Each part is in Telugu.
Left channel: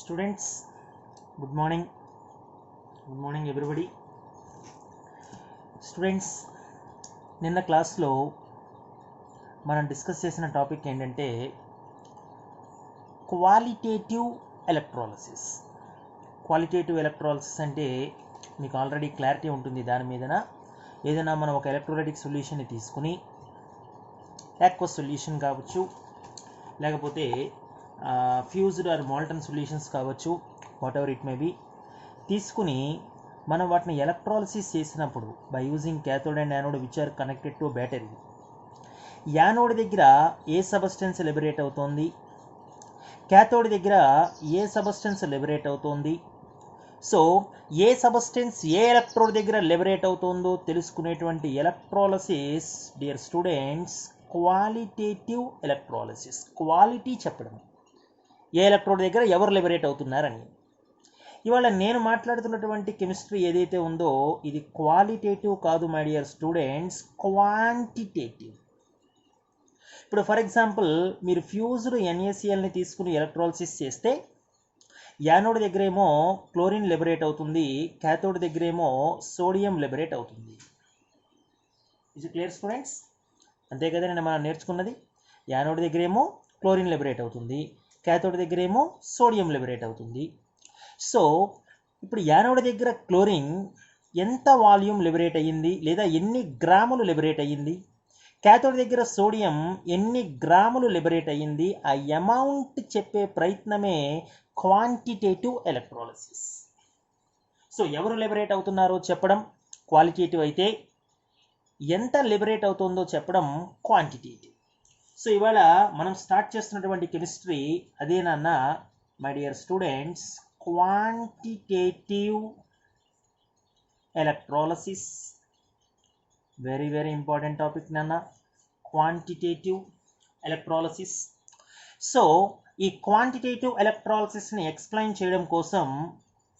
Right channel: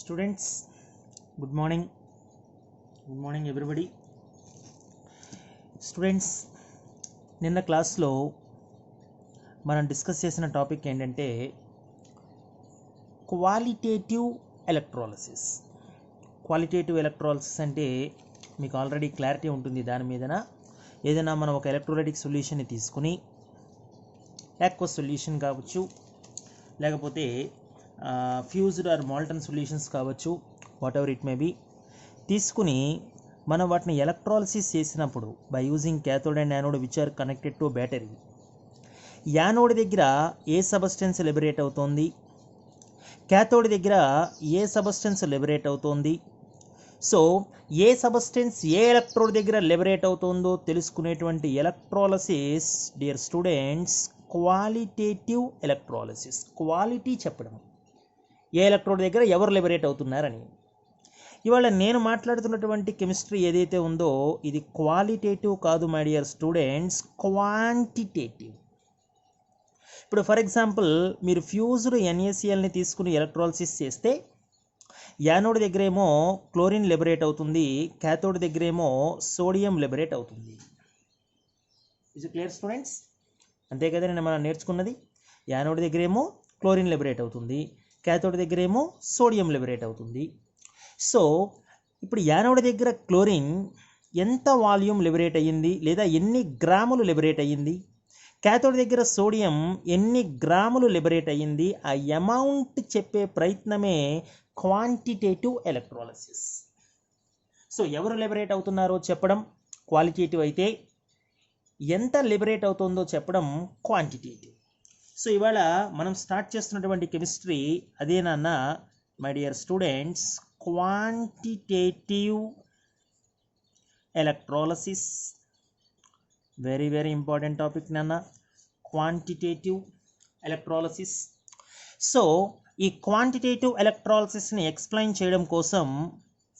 Students, good morning. Good morning everybody. Students, నిన్న క్లాస్లో మనం డిస్కస్ చేసిన టాపిక్ ఏంటంటే క్వాలిటేటివ్ ఎలక్ట్రాలిసిస్. క్వాలిటేటివ్ ఎలక్ట్రాలిసిస్ అంటే మీకు ఆల్రెడీ క్లారిటీ ఉంటుంది దాని మీదన. ఏదైనా మనం ఒక ఎలక్ట్రోలైటిక్ సొల్యూషన్ని తీసుకుని యాక్వస్ సొల్యూషన్ కావచ్చు, లేకపోతే ఫ్యూజ్డ్ ఆర్ మాల్టన్ సొల్యూషన్స్ కావచ్చు, whatever it may be, తీసుకుని మనం వాటిని ఎలక్ట్రాలిసిస్ చేసినప్పుడు by using cathode and anode which are connected to battery, anode దగ్గర ఏ సబ్స్టెన్స్ లిబరేట్ అవుతోంది, క్యాథోడ్ దగ్గర ఏ సబ్స్టెన్స్ లిబరేట్ అవుతోంది, సో ఏ సబ్స్టెన్స్ ఏ ఎలక్ట్రోడ్ దగ్గర లిబరేట్ అవుతుందో తెలుసుకునేటువంటి electrolysis dear students qualitative electrolysis. Quality చెప్పడం, ఏ ఎలక్ట్రోడ్ దగ్గర ఎవరు లిబరేట్ అవుతున్నారని. ఇవాళ నేను మాట్లాడుతున్నటువంటి కెమిస్ట్రీ ఏదైతే ఉందో ఇది క్వాలిటేటివ్ కాదు మై డియర్ స్టూడెంట్స్, క్వాంటిటేటివ్. ఇప్పుడు ఫర్ ఎగ్జాంపుల్ మీరు ఫ్యూజ్డ్ NaClని తీసుకుని ఎలక్ట్రాలిసిస్ చేస్తే యానోడ్ దగ్గరేమో క్లోరిన్ లిబరేట్ అవుతుంది, క్యాథోడ్ దగ్గరేమో సోడియం లిబరేట్ అవుతుంది. Is it clear students? అంతే కదా నేను మనం నేర్చుకున్నది. యానోడ్ దగ్గరేమో క్లోరిన్ లిబరేట్ అవుతుంది, క్యాథోడ్ దగ్గరేమో సోడియం లిబరేట్ అవుతుంది. సో ఇప్పుడు యానోడ్ దగ్గర క్లోరిన్ ఎంత వాల్యూమ్ లిబరేట్ అయ్యింది లేదా ఎన్ని గ్రాములు లిబరేట్ అయ్యింది, క్యాథోడ్ దగ్గర సోడియం ఎన్ని గ్రాములు లిబరేట్ అయ్యింది, ఆ అమౌంట్ చెప్పే ప్రయత్నమే క్వాంటిటేటివ్ ఎలక్ట్రాలిసిస్. సో ఎవరు లిబరేట్ అవుతున్నారో చెప్పడం క్వాలిటేటివ్ అయితే, ఎంత లిబరేట్ అవుతుందో చెప్పడం క్వాంటిటేటివ్. సో ఇవాళ మనం స్టార్ట్ చేస్తున్నటువంటి కెమిస్ట్రీ అదేనన్నా my dear students, quantitative electrolysis. Very very important topic నాన్న, క్వాంటిటేటివ్ ఎలక్ట్రాలిసిస్. సో ఈ క్వాంటిటేటివ్ ఎలక్ట్రాలిసిస్ని ఎక్స్ప్లెయిన్ చేయడం కోసం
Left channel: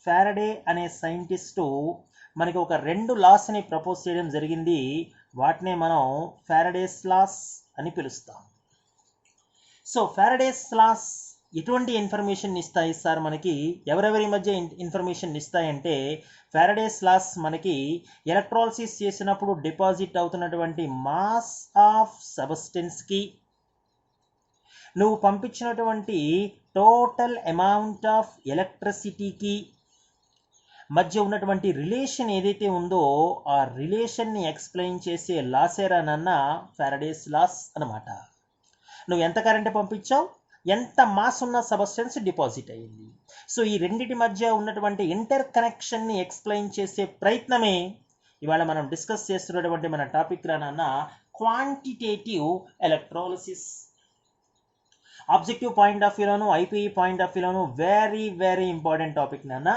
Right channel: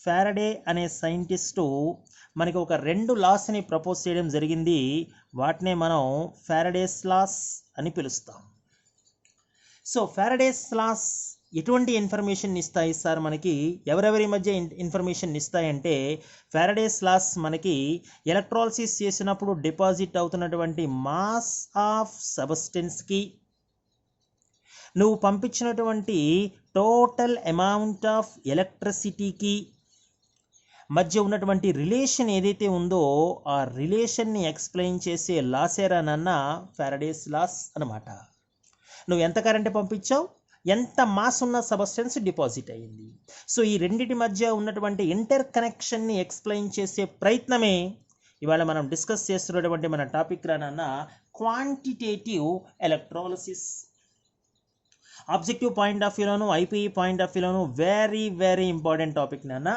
ఫారడే అనే సైంటిస్టు మనకి ఒక 2 లాస్ని ప్రపోజ్ చేయడం జరిగింది. వాటినే మనం ఫారడేస్ లాస్ అని పిలుస్తాం. సో ఫారడేస్ లాస్ ఎటువంటి ఇన్ఫర్మేషన్ ఇస్తాయి సార్ మనకి, ఎవరెవరి మధ్య ఇన్ఫర్మేషన్ ఇస్తాయంటే, ఫారడేస్ లాస్ మనకి ఎలక్ట్రాలిసిస్ చేసినప్పుడు డిపాజిట్ అవుతున్నటువంటి మాస్ ఆఫ్ సబ్స్టెన్స్కి నువ్వు పంపించినటువంటి టోటల్ అమౌంట్ ఆఫ్ ఎలక్ట్రిసిటీకి మధ్య ఉన్నటువంటి రిలేషన్ ఏదైతే ఉందో ఆ రిలేషన్ని ఎక్స్ప్లెయిన్ చేసే లాసేరానన్న ఫారడేస్ లాస్ అనమాట. నువ్వు ఎంత కరెంట్ పంపించావు, ఎంత మాస్ ఉన్న సబ్స్టెన్స్ డిపాజిట్ అయ్యింది. సో ఈ రెండిటి మధ్య ఉన్నటువంటి ఇంటర్ కనెక్షన్ని ఎక్స్ప్లెయిన్ చేసే ప్రయత్నమే ఇవాళ మనం డిస్కస్ చేస్తున్నటువంటి మన టాపిక్ రానన్న quantitative electrolysis. Objective point of వ్యూలోను IPE పాయింట్ ఆఫ్ వ్యూలోను వెరీ వెరీ ఇంపార్టెంట్ టాపిక్ నాన్న.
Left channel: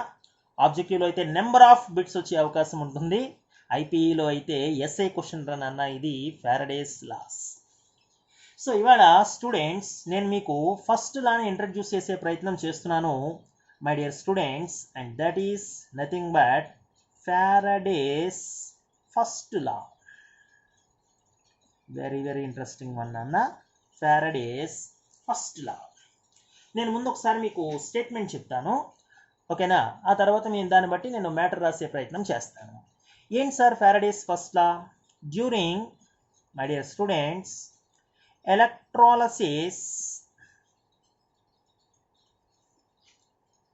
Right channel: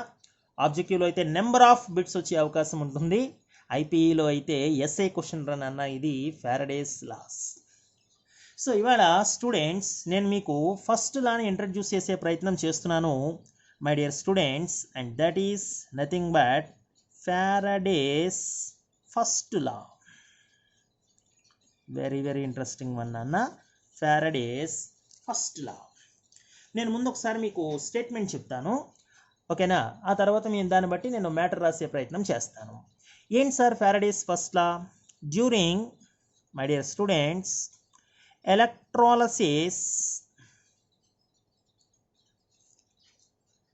ఆబ్జెక్టివ్లో అయితే నెంబర్ ఆఫ్ బిట్స్ వచ్చే అవకాశం ఉంటుంది, IPEలో అయితే ఎస్ఏ క్వశ్చన్ రానన్న ఇది ఫారడేస్ లాస్. సో ఇవాళ స్టూడెంట్స్ నేను మీకు ఫస్ట్ లాని ఇంట్రడ్యూస్ చేసే ప్రయత్నం చేస్తున్నాను my dear students, and that is nothing but Faraday's first law. Very very interesting one అన్న, ఫారడేస్ ఫస్ట్ లా. నేను ముందు ఒకసారి మీకు స్టేట్మెంట్ చెప్తాను, ఓకేనా? ఆ తర్వాత నేను దాన్ని బట్టి నేను మ్యాటర్ రాసే ప్రయత్నం చేస్తాను. ఏంటి sir Faraday's first law? During my dear students electrolysis,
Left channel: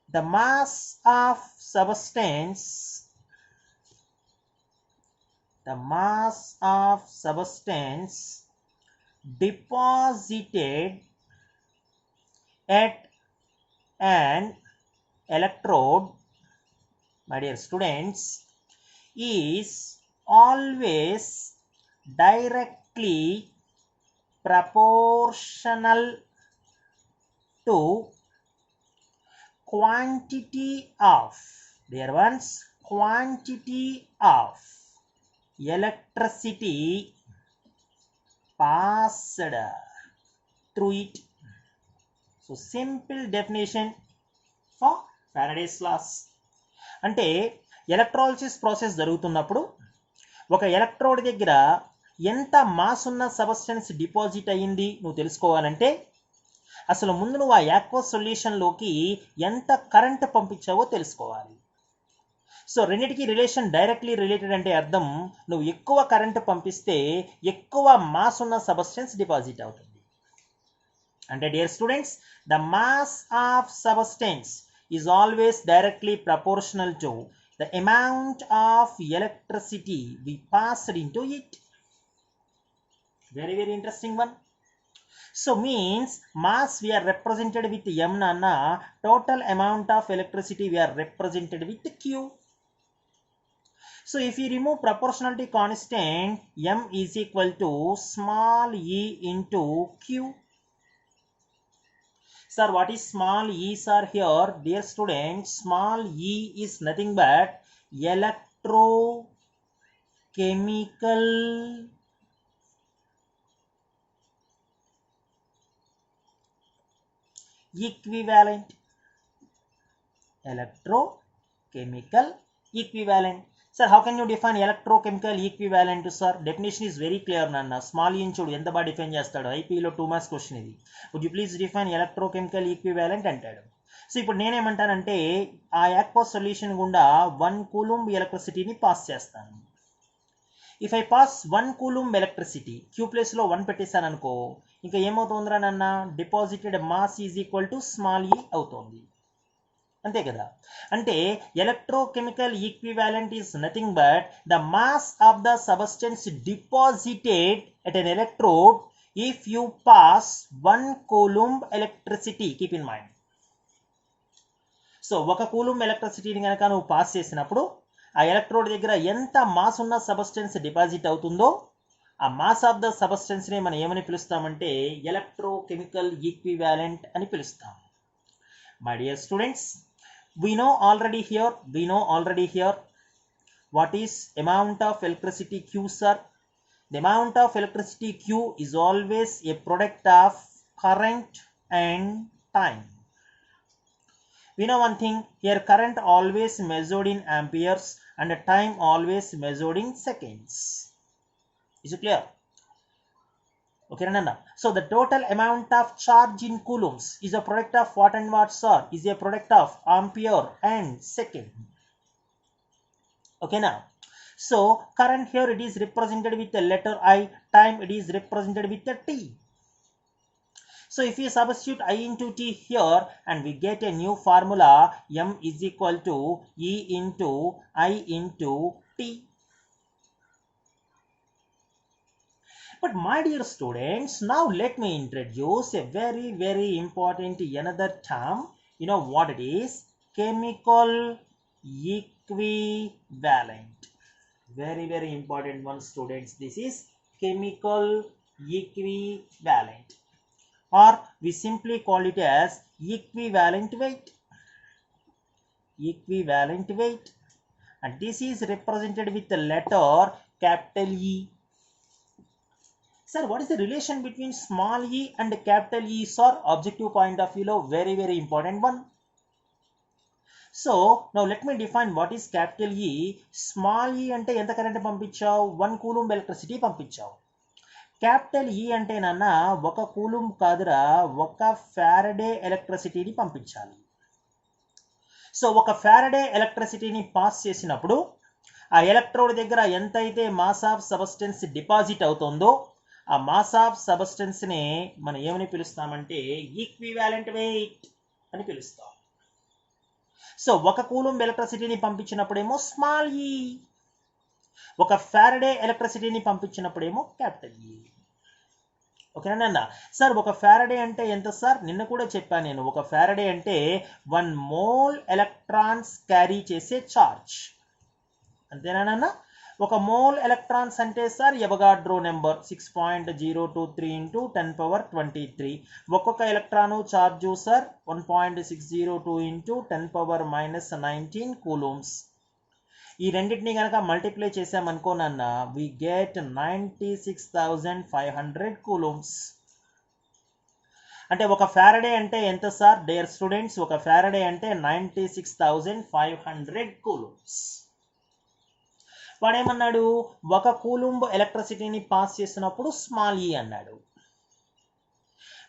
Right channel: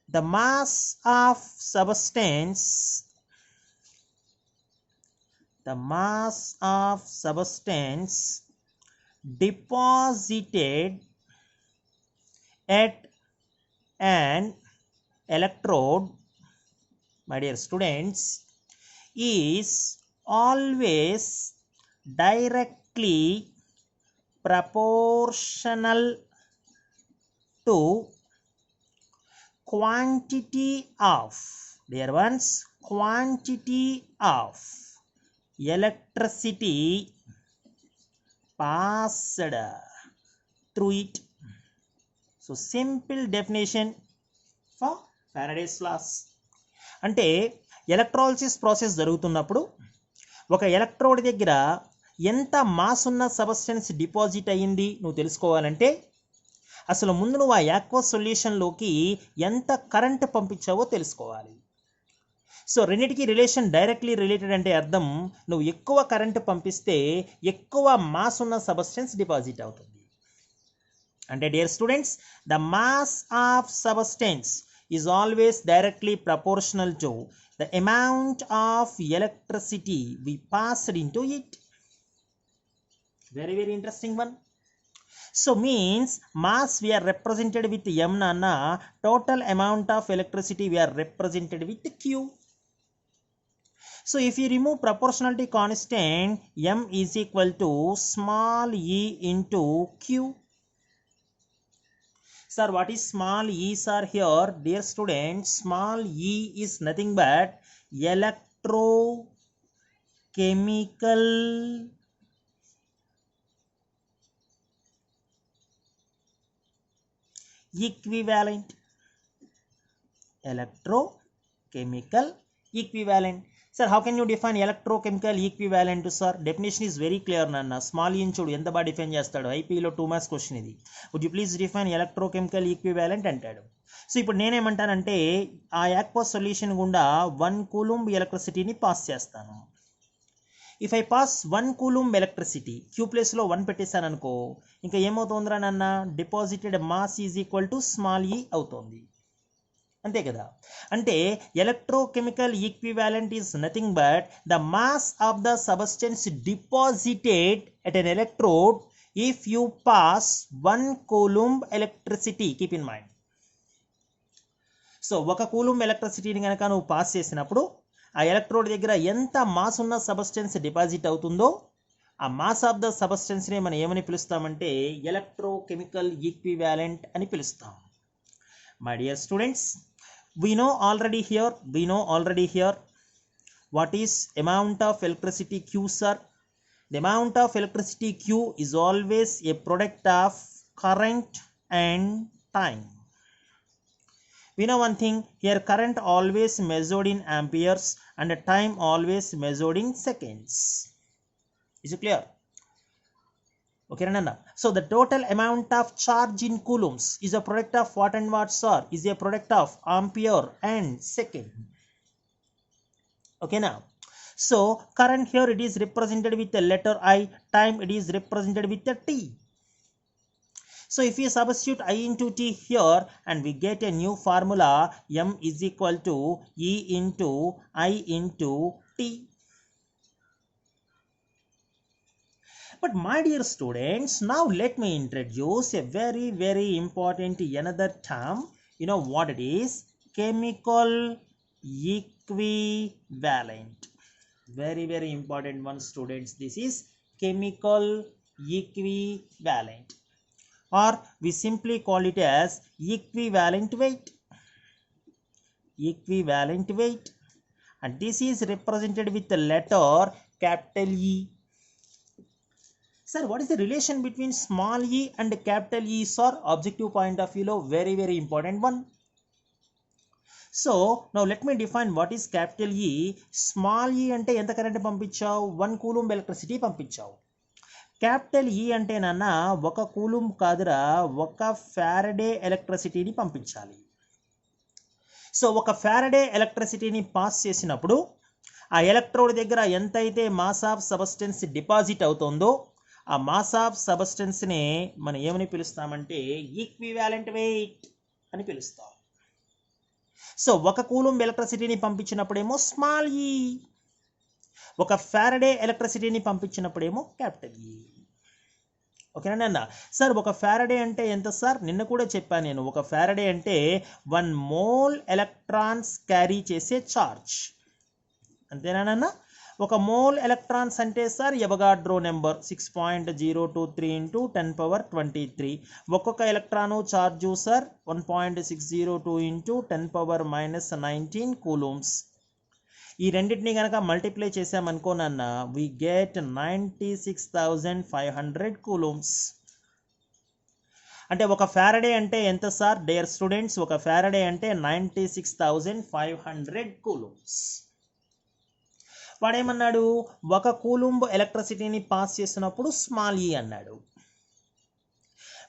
the mass of substance deposited at an electrode, my dear students, is always directly proportional to quantity of, dear ones, quantity of electricity passed through it. So simple definition for Faraday's laws. అంటే ఎలక్ట్రాలిసిస్ ప్రాసెస్ జరుగుతున్నప్పుడు ఒక ఎలక్ట్రోడ్ దగ్గర ఎంత మాస్ ఉన్న సబ్స్టెన్స్ డిపాజిట్ అయ్యింది నువ్వు తెలుసుకోవాలంటే అసలు ముందు నువ్వు ఆ యాక్వస్ సొల్యూషన్లోకి ఎంత కరెంట్ పంపించావో తెలుసుకోవాలి. సో రెండింటికి రిలేషన్ డైరెక్ట్లీ రిలేటెడ్ అంటే అర్థం నువ్వు ఎక్కువ కరెంట్ పంపిస్తే ఎక్కువ మాస్ ఉన్న సబ్స్టెన్స్ డిపాజిట్ అవుతుంది. అంటే dear students, the mass of substance is always directly proportional to the amount of electricity we passed into it. very interesting one. So means mass we are represented with m nana, total amount of electricity we are represented with q. So if you remove proportionality constant, m is equal to small e into q. Sir, what is small e sir here? Dear students, small e is nothing but electrochemical equivalent. Electrochemical equivalent. Sir, how can you define electrochemical equivalent, sir? Definition is very clear nana. Small e చూడు ఎంత బాగా డిఫైన్ చేస్తాడు. ఐపీలో 2 మార్క్స్ క్వశ్చన్ ఇది. Would you please define electrochemical equivalent అంటాడు. సో ఇప్పుడు నేనేమంటానంటే ఆ యాక్వస్ సొల్యూషన్ గుండా 1 కూలుంబ్ ఎలక్ట్రిసిటీని పాస్ చేస్తాను. If I pass 1 coulomb electricity, Q ప్లేస్లో 1 పెట్టేశాను అనుకో, ఇంకా ఏమవుతుందిరా నన్న, deposited mass is equal to small E అవుతుంది. అంతే కదా. అంటే electrochemical equivalent is nothing but the mass of the substance deposited at an electrode if you pass 1 coulomb electricity. Keep in mind. So 1 coulomb ఎలక్ట్రిసిటీని కనుక నువ్వు పాస్ చేసినప్పుడు ఆ ఎలక్ట్రోడ్ దగ్గర ఎంత మాస్ ఉన్న సబ్స్టెన్స్ డిపాజిట్ అవుతుందో ఆ మాస్ ఆఫ్ ద సబ్స్టెన్స్ని మనం ఏమని పిలుస్తామంటే ఎలక్ట్రోకెమికల్ ఈక్వివాలెంట్ అని పిలుస్తాం. My dear students, we know already here what is amount of electricity q, sir. The amount of electricity q is always a product of current and time. We know one thing here, current always measured in amperes and time always measured in seconds. Is it clear? Okay, Nana. So the total amount of charge in coulombs is a product of what and what, sir? Is a product of ampere and second. Okay, now. So current here it is represented with the letter I, time it is represented with the t. So if we substitute I into t here and we get a new formula, m is equal to E into I into t. But my dear students, now let me introduce a very important another term. You know what it is? Chemical equivalent. Very important one, students. This is chemical equivalent, or we simply call it as equivalent weight. Equivalent weight, and this is represented with the letter capital E. Sir, what is the relation between small e and capital E, sir? Objective point of view lo very important one. So now let me define what is capital E. Small e ante enta current పంపించావు? 1 కూలుంబ్ ఎలక్ట్రిసిటీ పంపించావు. క్యాపిటల్ ఈ అంటే నాన్న 1 కూలుంబ్ కాదురా, 1 ఫారడే ఎలక్ట్రిసిటీని పంపించాలి. సో 1 ఫారడే ఎలక్ట్రిసిటీని పాస్ చేసినప్పుడు ఆ ఎలక్ట్రోడ్ దగ్గర ఎంతైతే మాస్ ఆఫ్ సబ్స్టెన్స్ డిపాజిట్ అవుతుందో ఆ మాస్ ఆఫ్ సబ్స్టెన్స్ని మనం ఏమని పిలుస్తామంటే ఈక్వివాలెంట్ వెయిట్ అని పిలుస్తాం. సో 1 కూలుంబ్ ఎలక్ట్రిసిటీని పంపించినప్పుడేమో స్మాల్ ఈ, 1 ఫారడే ఎలక్ట్రిసిటీని పంపించినప్పుడేమో క్యాపిటల్ ఈ. ఓకేనా సార్? 1 ఫారడే అంటే ఎంత సార్? నిన్న కూడా చెప్పాను నేను. 1 ఫారడే అంటే 1 మోల్ ఎలక్ట్రాన్స్ క్యారీ చేసే ఛార్జ్. అంతేనా? 1 మోల్ ఎలక్ట్రాన్స్ అంటే సార్ ఎవగాడ్రో నెంబర్ 6.023 into 10^23. ఒక్కొక్క electron charge sir 1.602 into 10⁻⁻19 coulombs. ఈ రెండింటిని కనుక మల్టిప్లై చేసామనుకో నాన్న, వి గెట్ 96,500 కూలూమ్స్. అంటే 1 ఫారడే అంటే ఎంత సార్ డియర్ స్టూడెంట్స్? 1 ఫారడే అంటే 96,500 కూలూమ్స్. వాడేమన్నాడు? 1 కూలుంబ్ ఎలక్ట్రిసిటీని పాస్ చేసినప్పుడు స్మాల్ ఈ అన్నాడు.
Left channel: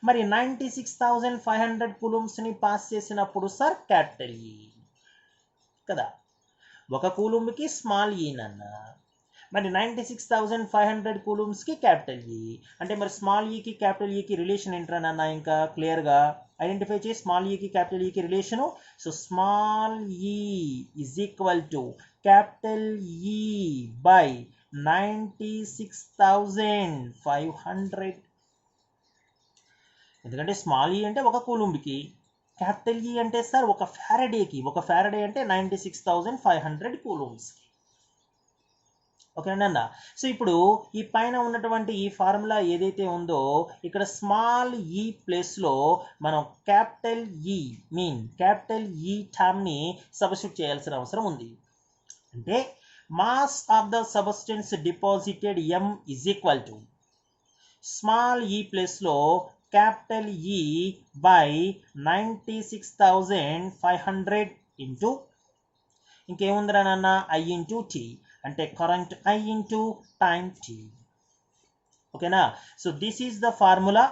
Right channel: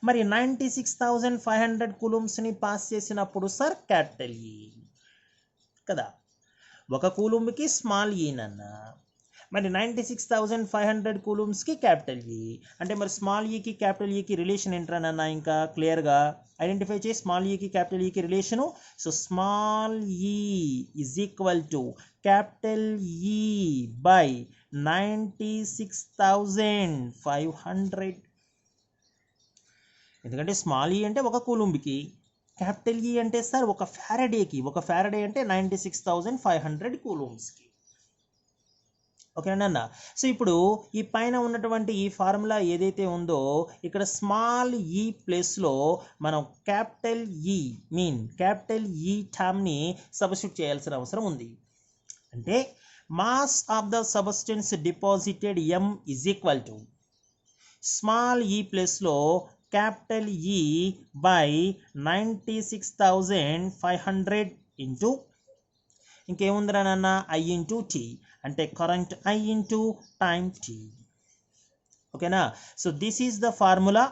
మరి 96,500 కూలుంబ్స్ని పాస్ చేసినప్పుడు సార్ క్యాపిటల్ ఈ కదా, ఒక కూలుంబ్కి స్మాల్ ఈనన్న, మరి 96,500 కూలుంబ్స్కి క్యాపిటల్ ఈ అంటే మరి స్మాల్ ఈకి క్యాపిటల్ ఈకి రిలేషన్ ఏంటన్నా, ఇంకా క్లియర్గా ఐడెంటిఫై చేసి స్మాల్ ఈకి క్యాపిటల్ ఈకి రిలేషను. So small E is equal to capital E by 96,500. ఎందుకంటే స్మాల్ ఈ అంటే ఒక కూలుంబ్కి, క్యాపిటల్ ఈ అంటే సార్ ఒక ఫ్యారడేకి, ఒక ఫ్యారడే అంటే 96,500 కూలుంబ్స్కి. ఓకేనా. సో ఇప్పుడు ఈ పైన ఉన్నటువంటి ఈ ఫార్ములా ఏదైతే ఉందో ఇక్కడ స్మాల్ ఈ ప్లేస్లో మనం క్యాపిటల్ ఈ టర్మ్ని సబ్స్టిట్యూట్ చేయాల్సిన అవసరం ఉంది. అంటే mass of the substance deposited M is equal to small E ప్లేస్లో క్యాపిటల్ ఈ బై 96,500 ఇంటూ ఇంకేముందిరా నాన్న ఐ ఇంటూ టీ, అంటే current I into time T. ఓకేనా. So this is the formula.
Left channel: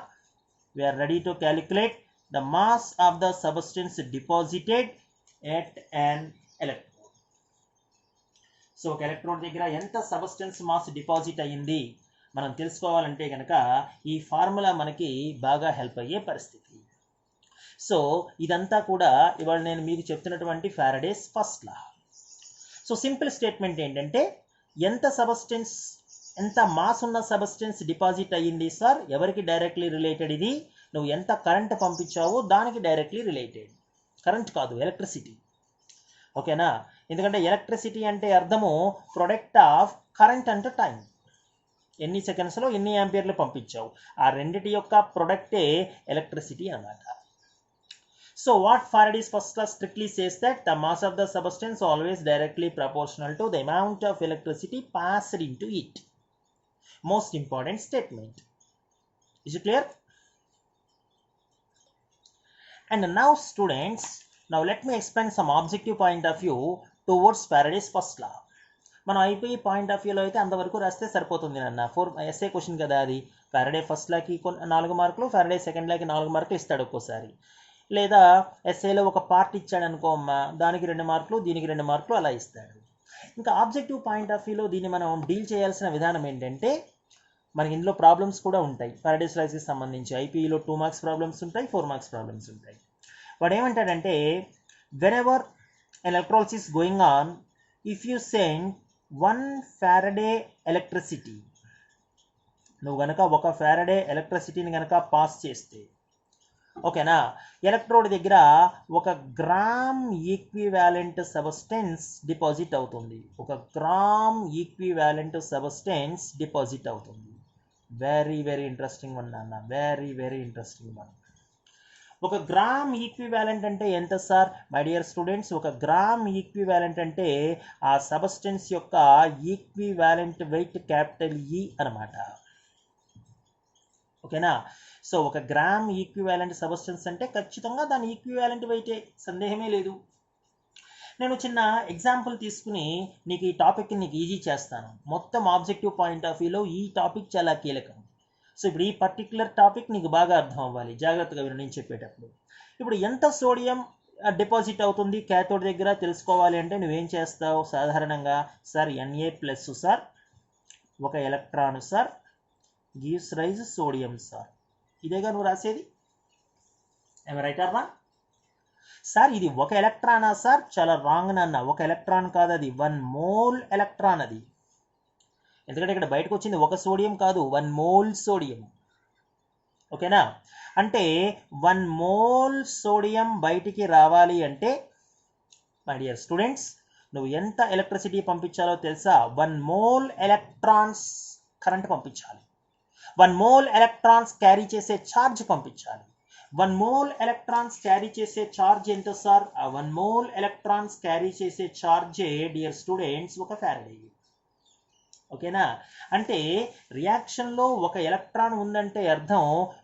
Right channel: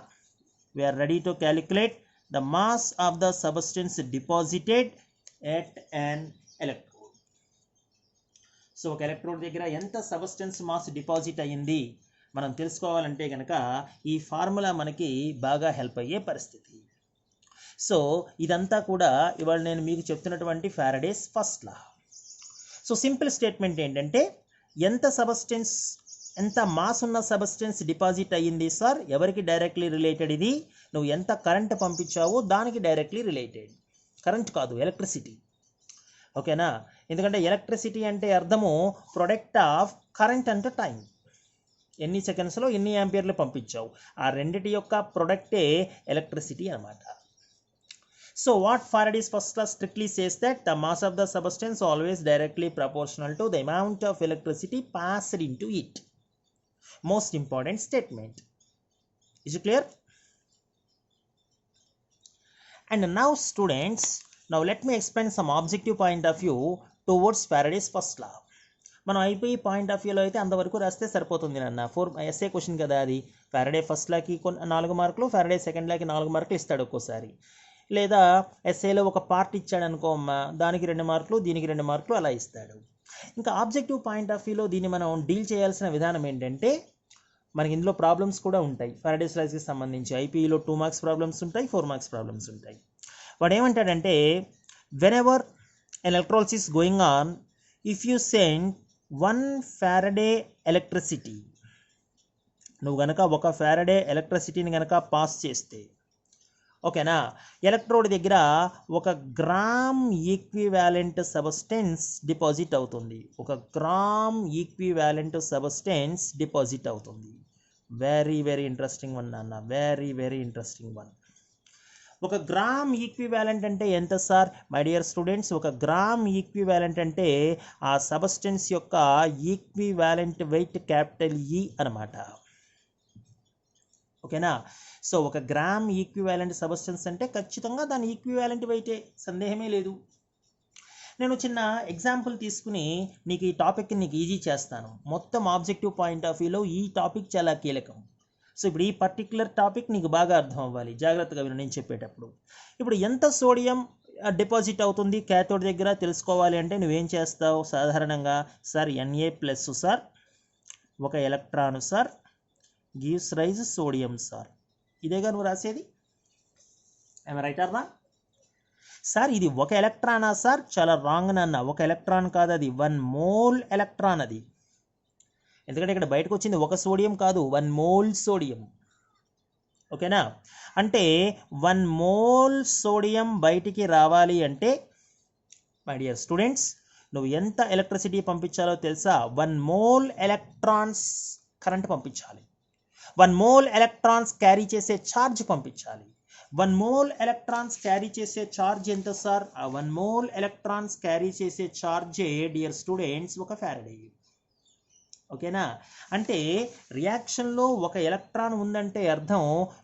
We're ready to calculate the mass of the substance deposited at an electrode. So ఒక ఎలక్ట్రోడ్ దగ్గర ఎంత సబ్స్టెన్స్ మాస్ డిపాజిట్ అయ్యింది మనం తెలుసుకోవాలంటే కనుక ఈ ఫార్ములా మనకి బాగా హెల్ప్ అయ్యే పరిస్థితి. సో ఇదంతా కూడా ఇవాళ నేను మీకు చెప్తున్నటువంటి ఫ్యారడేస్ ఫస్ట్ లా. సో సింపుల్ స్టేట్మెంట్ ఏంటంటే ఎంత మాస్ ఉన్న సబ్స్టెన్స్ డిపాజిట్ అయ్యింది సార్, ఎవరికి డైరెక్ట్లీ రిలేటెడ్ ఇది, నువ్వు ఎంత కరెంట్ పంపించావో దానికి డైరెక్ట్లీ రిలేటెడ్. కరెంట్ కాదు, ఎలక్ట్రిసిటీ. ఓకేనా. ఎందుకంటే ఎలక్ట్రిసిటీ అంటే అర్థము ప్రొడక్ట్ ఆఫ్ కరెంట్ అంటే టైం, ఎన్ని సెకండ్స్లో ఎన్ని యాంపియర్లు పంపించావు, ఆ రెండిటి యొక్క ప్రొడక్టే ఎలక్ట్రిసిటీ అన్నమాట. So what Faraday's first law strictly says that the mass of the substance always directly proportional to the amount of electricity passed into it. Most important statement. Is it clear? And now students, now let me explain some objective point of view towards Faraday's first law. మనం అయిపోయి పాయింట్ ఆఫ్ వ్యూలో అయితే అంతవరకు రాస్తే సరిపోతుంది నాన్న. 4 ఎస్ఏ క్వశ్చన్ కదా అది. ఫ్యారడే ఫస్ట్ లాకి 4 మార్కులు, ఫ్యారడే సెకండ్ లాకి 4 మార్కులు ఇస్తాడు ఒక్కోసారి. లేదా ఎస్ఏలో ఒక పార్ట్ ఇచ్చాడు అనుకో అమ్మా, దానికి 2 మార్కులు, దీనికి 2 మార్కులు అలా ఇస్తాడు. ఇంకా ఆబ్జెక్టివ్ పాయింట్ ఆఫ్ వ్యూలో దీన్ని మనం డీల్ చేయాల్సిన విధానం ఏంటంటే మనకి ఇందులో ప్రాబ్లమ్స్ కూడా ఉంటాయి. ఫ్యారడేస్ లాకి సంబంధించి ఐపీఈలో 2 మార్క్స్ ప్రాబ్లమ్స్ ఉంటాయి, 4 మార్క్స్ ప్రాబ్లమ్స్ ఉంటాయి. వాడు ఏమంటాడంటే whenever electrolysis going on, if you send 1 Faraday electricity, నువ్వు గనక ఒక ఫ్యారడే ఎలక్ట్రిసిటీని గనక పాస్ చేస్తే, ఓకేనా, ఎలక్ట్రోడ్ దగ్గర 1 గ్రామ్ ఈక్వివాలెంట్ సబ్స్టెన్స్ డిపాజిట్ అవుతుంది. 1 గ్రామ్ ఈక్వివాలెంట్ సబ్స్టెన్స్ డిపాజిట్ అవుతుంది. వెరీ వెరీ ఇంట్రెస్టింగ్ వన్ నాన్న, very very interesting one. 1 gram equivalent అంటే ఎంత sir my dear students? 1 gram equivalent అంటే ఆ సబ్స్టెన్స్ యొక్క ఈక్వివాలెంట్ వెయిట్ క్యాపిటల్ ఈ అనమాట. ఓకేనా. సో 1 గ్రామ్ ఈక్వివాలెంట్ సబ్స్టెన్స్ అంటే ఖచ్చితంగా దాని ఈక్వివాలెంట్ వెయిటే, సందేహమే లేదు. నేను చిన్న ఎగ్జాంపుల్ తీసుకుని నీకు ఈ టాపిక్ నీకు ఈజీ చేస్తాను. మొత్తం ఆబ్జెక్టివ్ పాయింట్ ఆఫ్ వ్యూలో ఈ టాపిక్ చాలా కీలకం. సో ఇప్పుడు ఈ పర్టిక్యులర్ టాపిక్ నీకు బాగా అర్థం అవ్వాలి, జాగ్రత్తగా విను నేను చెప్పేటప్పుడు. ఇప్పుడు ఎంత సోడియం డిపాజిట్ అవుతుంది క్యాథోడ్ దగ్గర తెలుసుకోవాలి అంటే నువ్వేం చేస్తావు సాధారణంగా? Sir Na plus sir 1 electron sir gives rise sodium sir, ఇదేగా నువ్వు రాసేది. ఏమ రైట్ అర్నా సార్? ఇది 1 ఎలక్ట్రానా సార్? చాలా రాంగ్ నాన్న. 1 ఎలక్ట్రాన్ కాదు, అది 1 మోల్ ఎలక్ట్రాన్ అది. ఎందుకంటే ఇక్కడ బయటకు వచ్చింది 1 సోడియం కాదు, 1 మోల్ సోడియం. ఓకేనా. అంటే 1 మోల్ సోడియం బయటికి రావాలి అంటే మై డియర్ స్టూడెంట్స్ నువ్వు ఎంత ఎలక్ట్రిసిటీ పంపించాలో తెలుసా? 1 మోల్ ఎలక్ట్రాన్స్ కరెంట్ పంపించాలి. 1 మోల్ ఎలక్ట్రాన్స్ క్యారీ చేసే ఛార్జ్ పంపించాలి. 1 మోల్ ఎలక్ట్రాన్స్ క్యారీ చేసే ఛార్జ్ ఎంత సార్? ఆ 1 మోల్ ఎలక్ట్రాన్స్ క్యారీ చేసే ఛార్జే డియర్ స్టూడెంట్స్ 1 ఫ్యారడే. ఓకేనా. అంటే రియాక్షన్లో 1 ఎలక్ట్రాన్ ఉందంటే అర్థం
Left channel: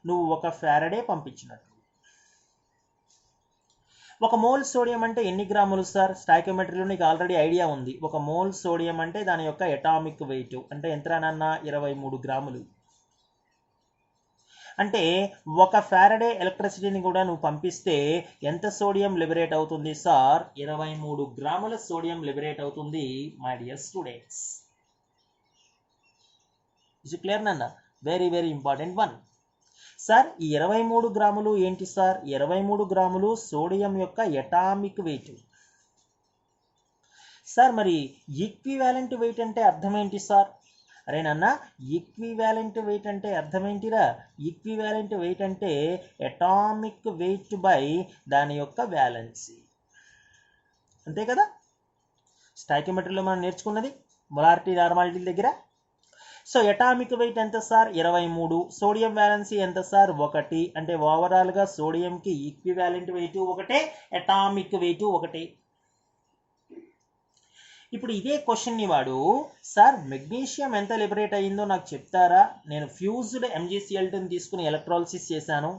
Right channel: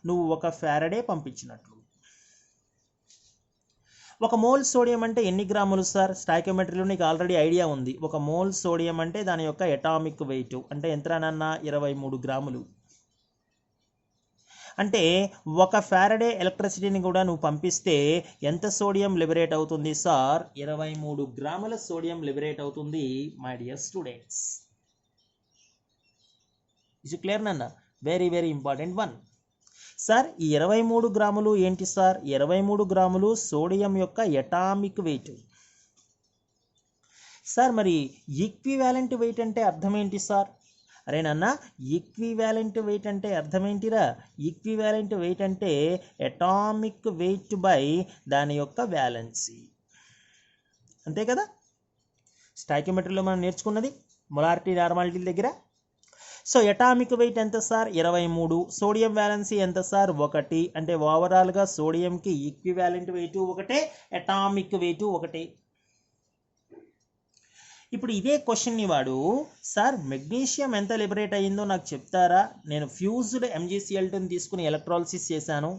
నువ్వు 1 ఫ్యారడే పంపించినట్లు. 1 మోల్ సోడియం అంటే ఎన్ని గ్రాములు సార్? స్టాయికియోమెట్రీలో నీకు ఆల్రెడీ ఐడియా ఉంది. 1 మోల్ సోడియం అంటే దాని యొక్క అటామిక్ వెయిట్ అంటే ఎంత నాన్న? 23 గ్రాములు. అంటే 1 ఫారడే ఎలక్ట్రిసిటీని కూడా నువ్వు పంపిస్తే ఎంత సోడియం లిబరేట్ అవుతుంది సార్? 23 గ్రాముల సోడియం లిబరేట్ అవుతుంది my dear students. Is clear నాన్న? Very very important one. Sir ఈ 23 గ్రాములు ఏంటి సార్? 23 గ్రాములు సోడియం యొక్క ఎటామిక్ వెయిట్. సార్ మరి ఈక్వివాలెంట్ వెయిట్ అంటే అర్థం ఏంటి సార్? అరే నాన్న, ఈక్వివాలెంట్ వెయిట్ అంటే అర్థం ఏంటిరా? ఈక్వివాలెంట్ వెయిట్ అంటే ఎటామిక్ వెయిట్ బై దాని యొక్క వ్యాలెన్సీ, అంతే కదా? స్టాయికియోమెట్రీలో మనం నేర్చుకున్నది మొలారిటీ నార్మాలిటీ దగ్గర. సో ఎటామిక్ వెయిట్ ఎంత సార్? 23. సోడియం వ్యాలెన్సీ ఎంత సార్? 1. అంటే ఓవరాల్గా సోడియంకి ఈక్వివాలెంట్ వెయిట్ ఒకటే, ఎటామిక్ వెయిట్ ఒకటే. ఇప్పుడు ఇదే క్వశ్చన్ని వాడు సార్ మెగ్నీషియం ఎంత లిబరేట్ అయ్యిందో నాకు చెప్తారా? నేను ఫ్యూజ్డ్ MgCl2ని తీసుకుని ఎలక్ట్రాలిసిస్ చేశాను.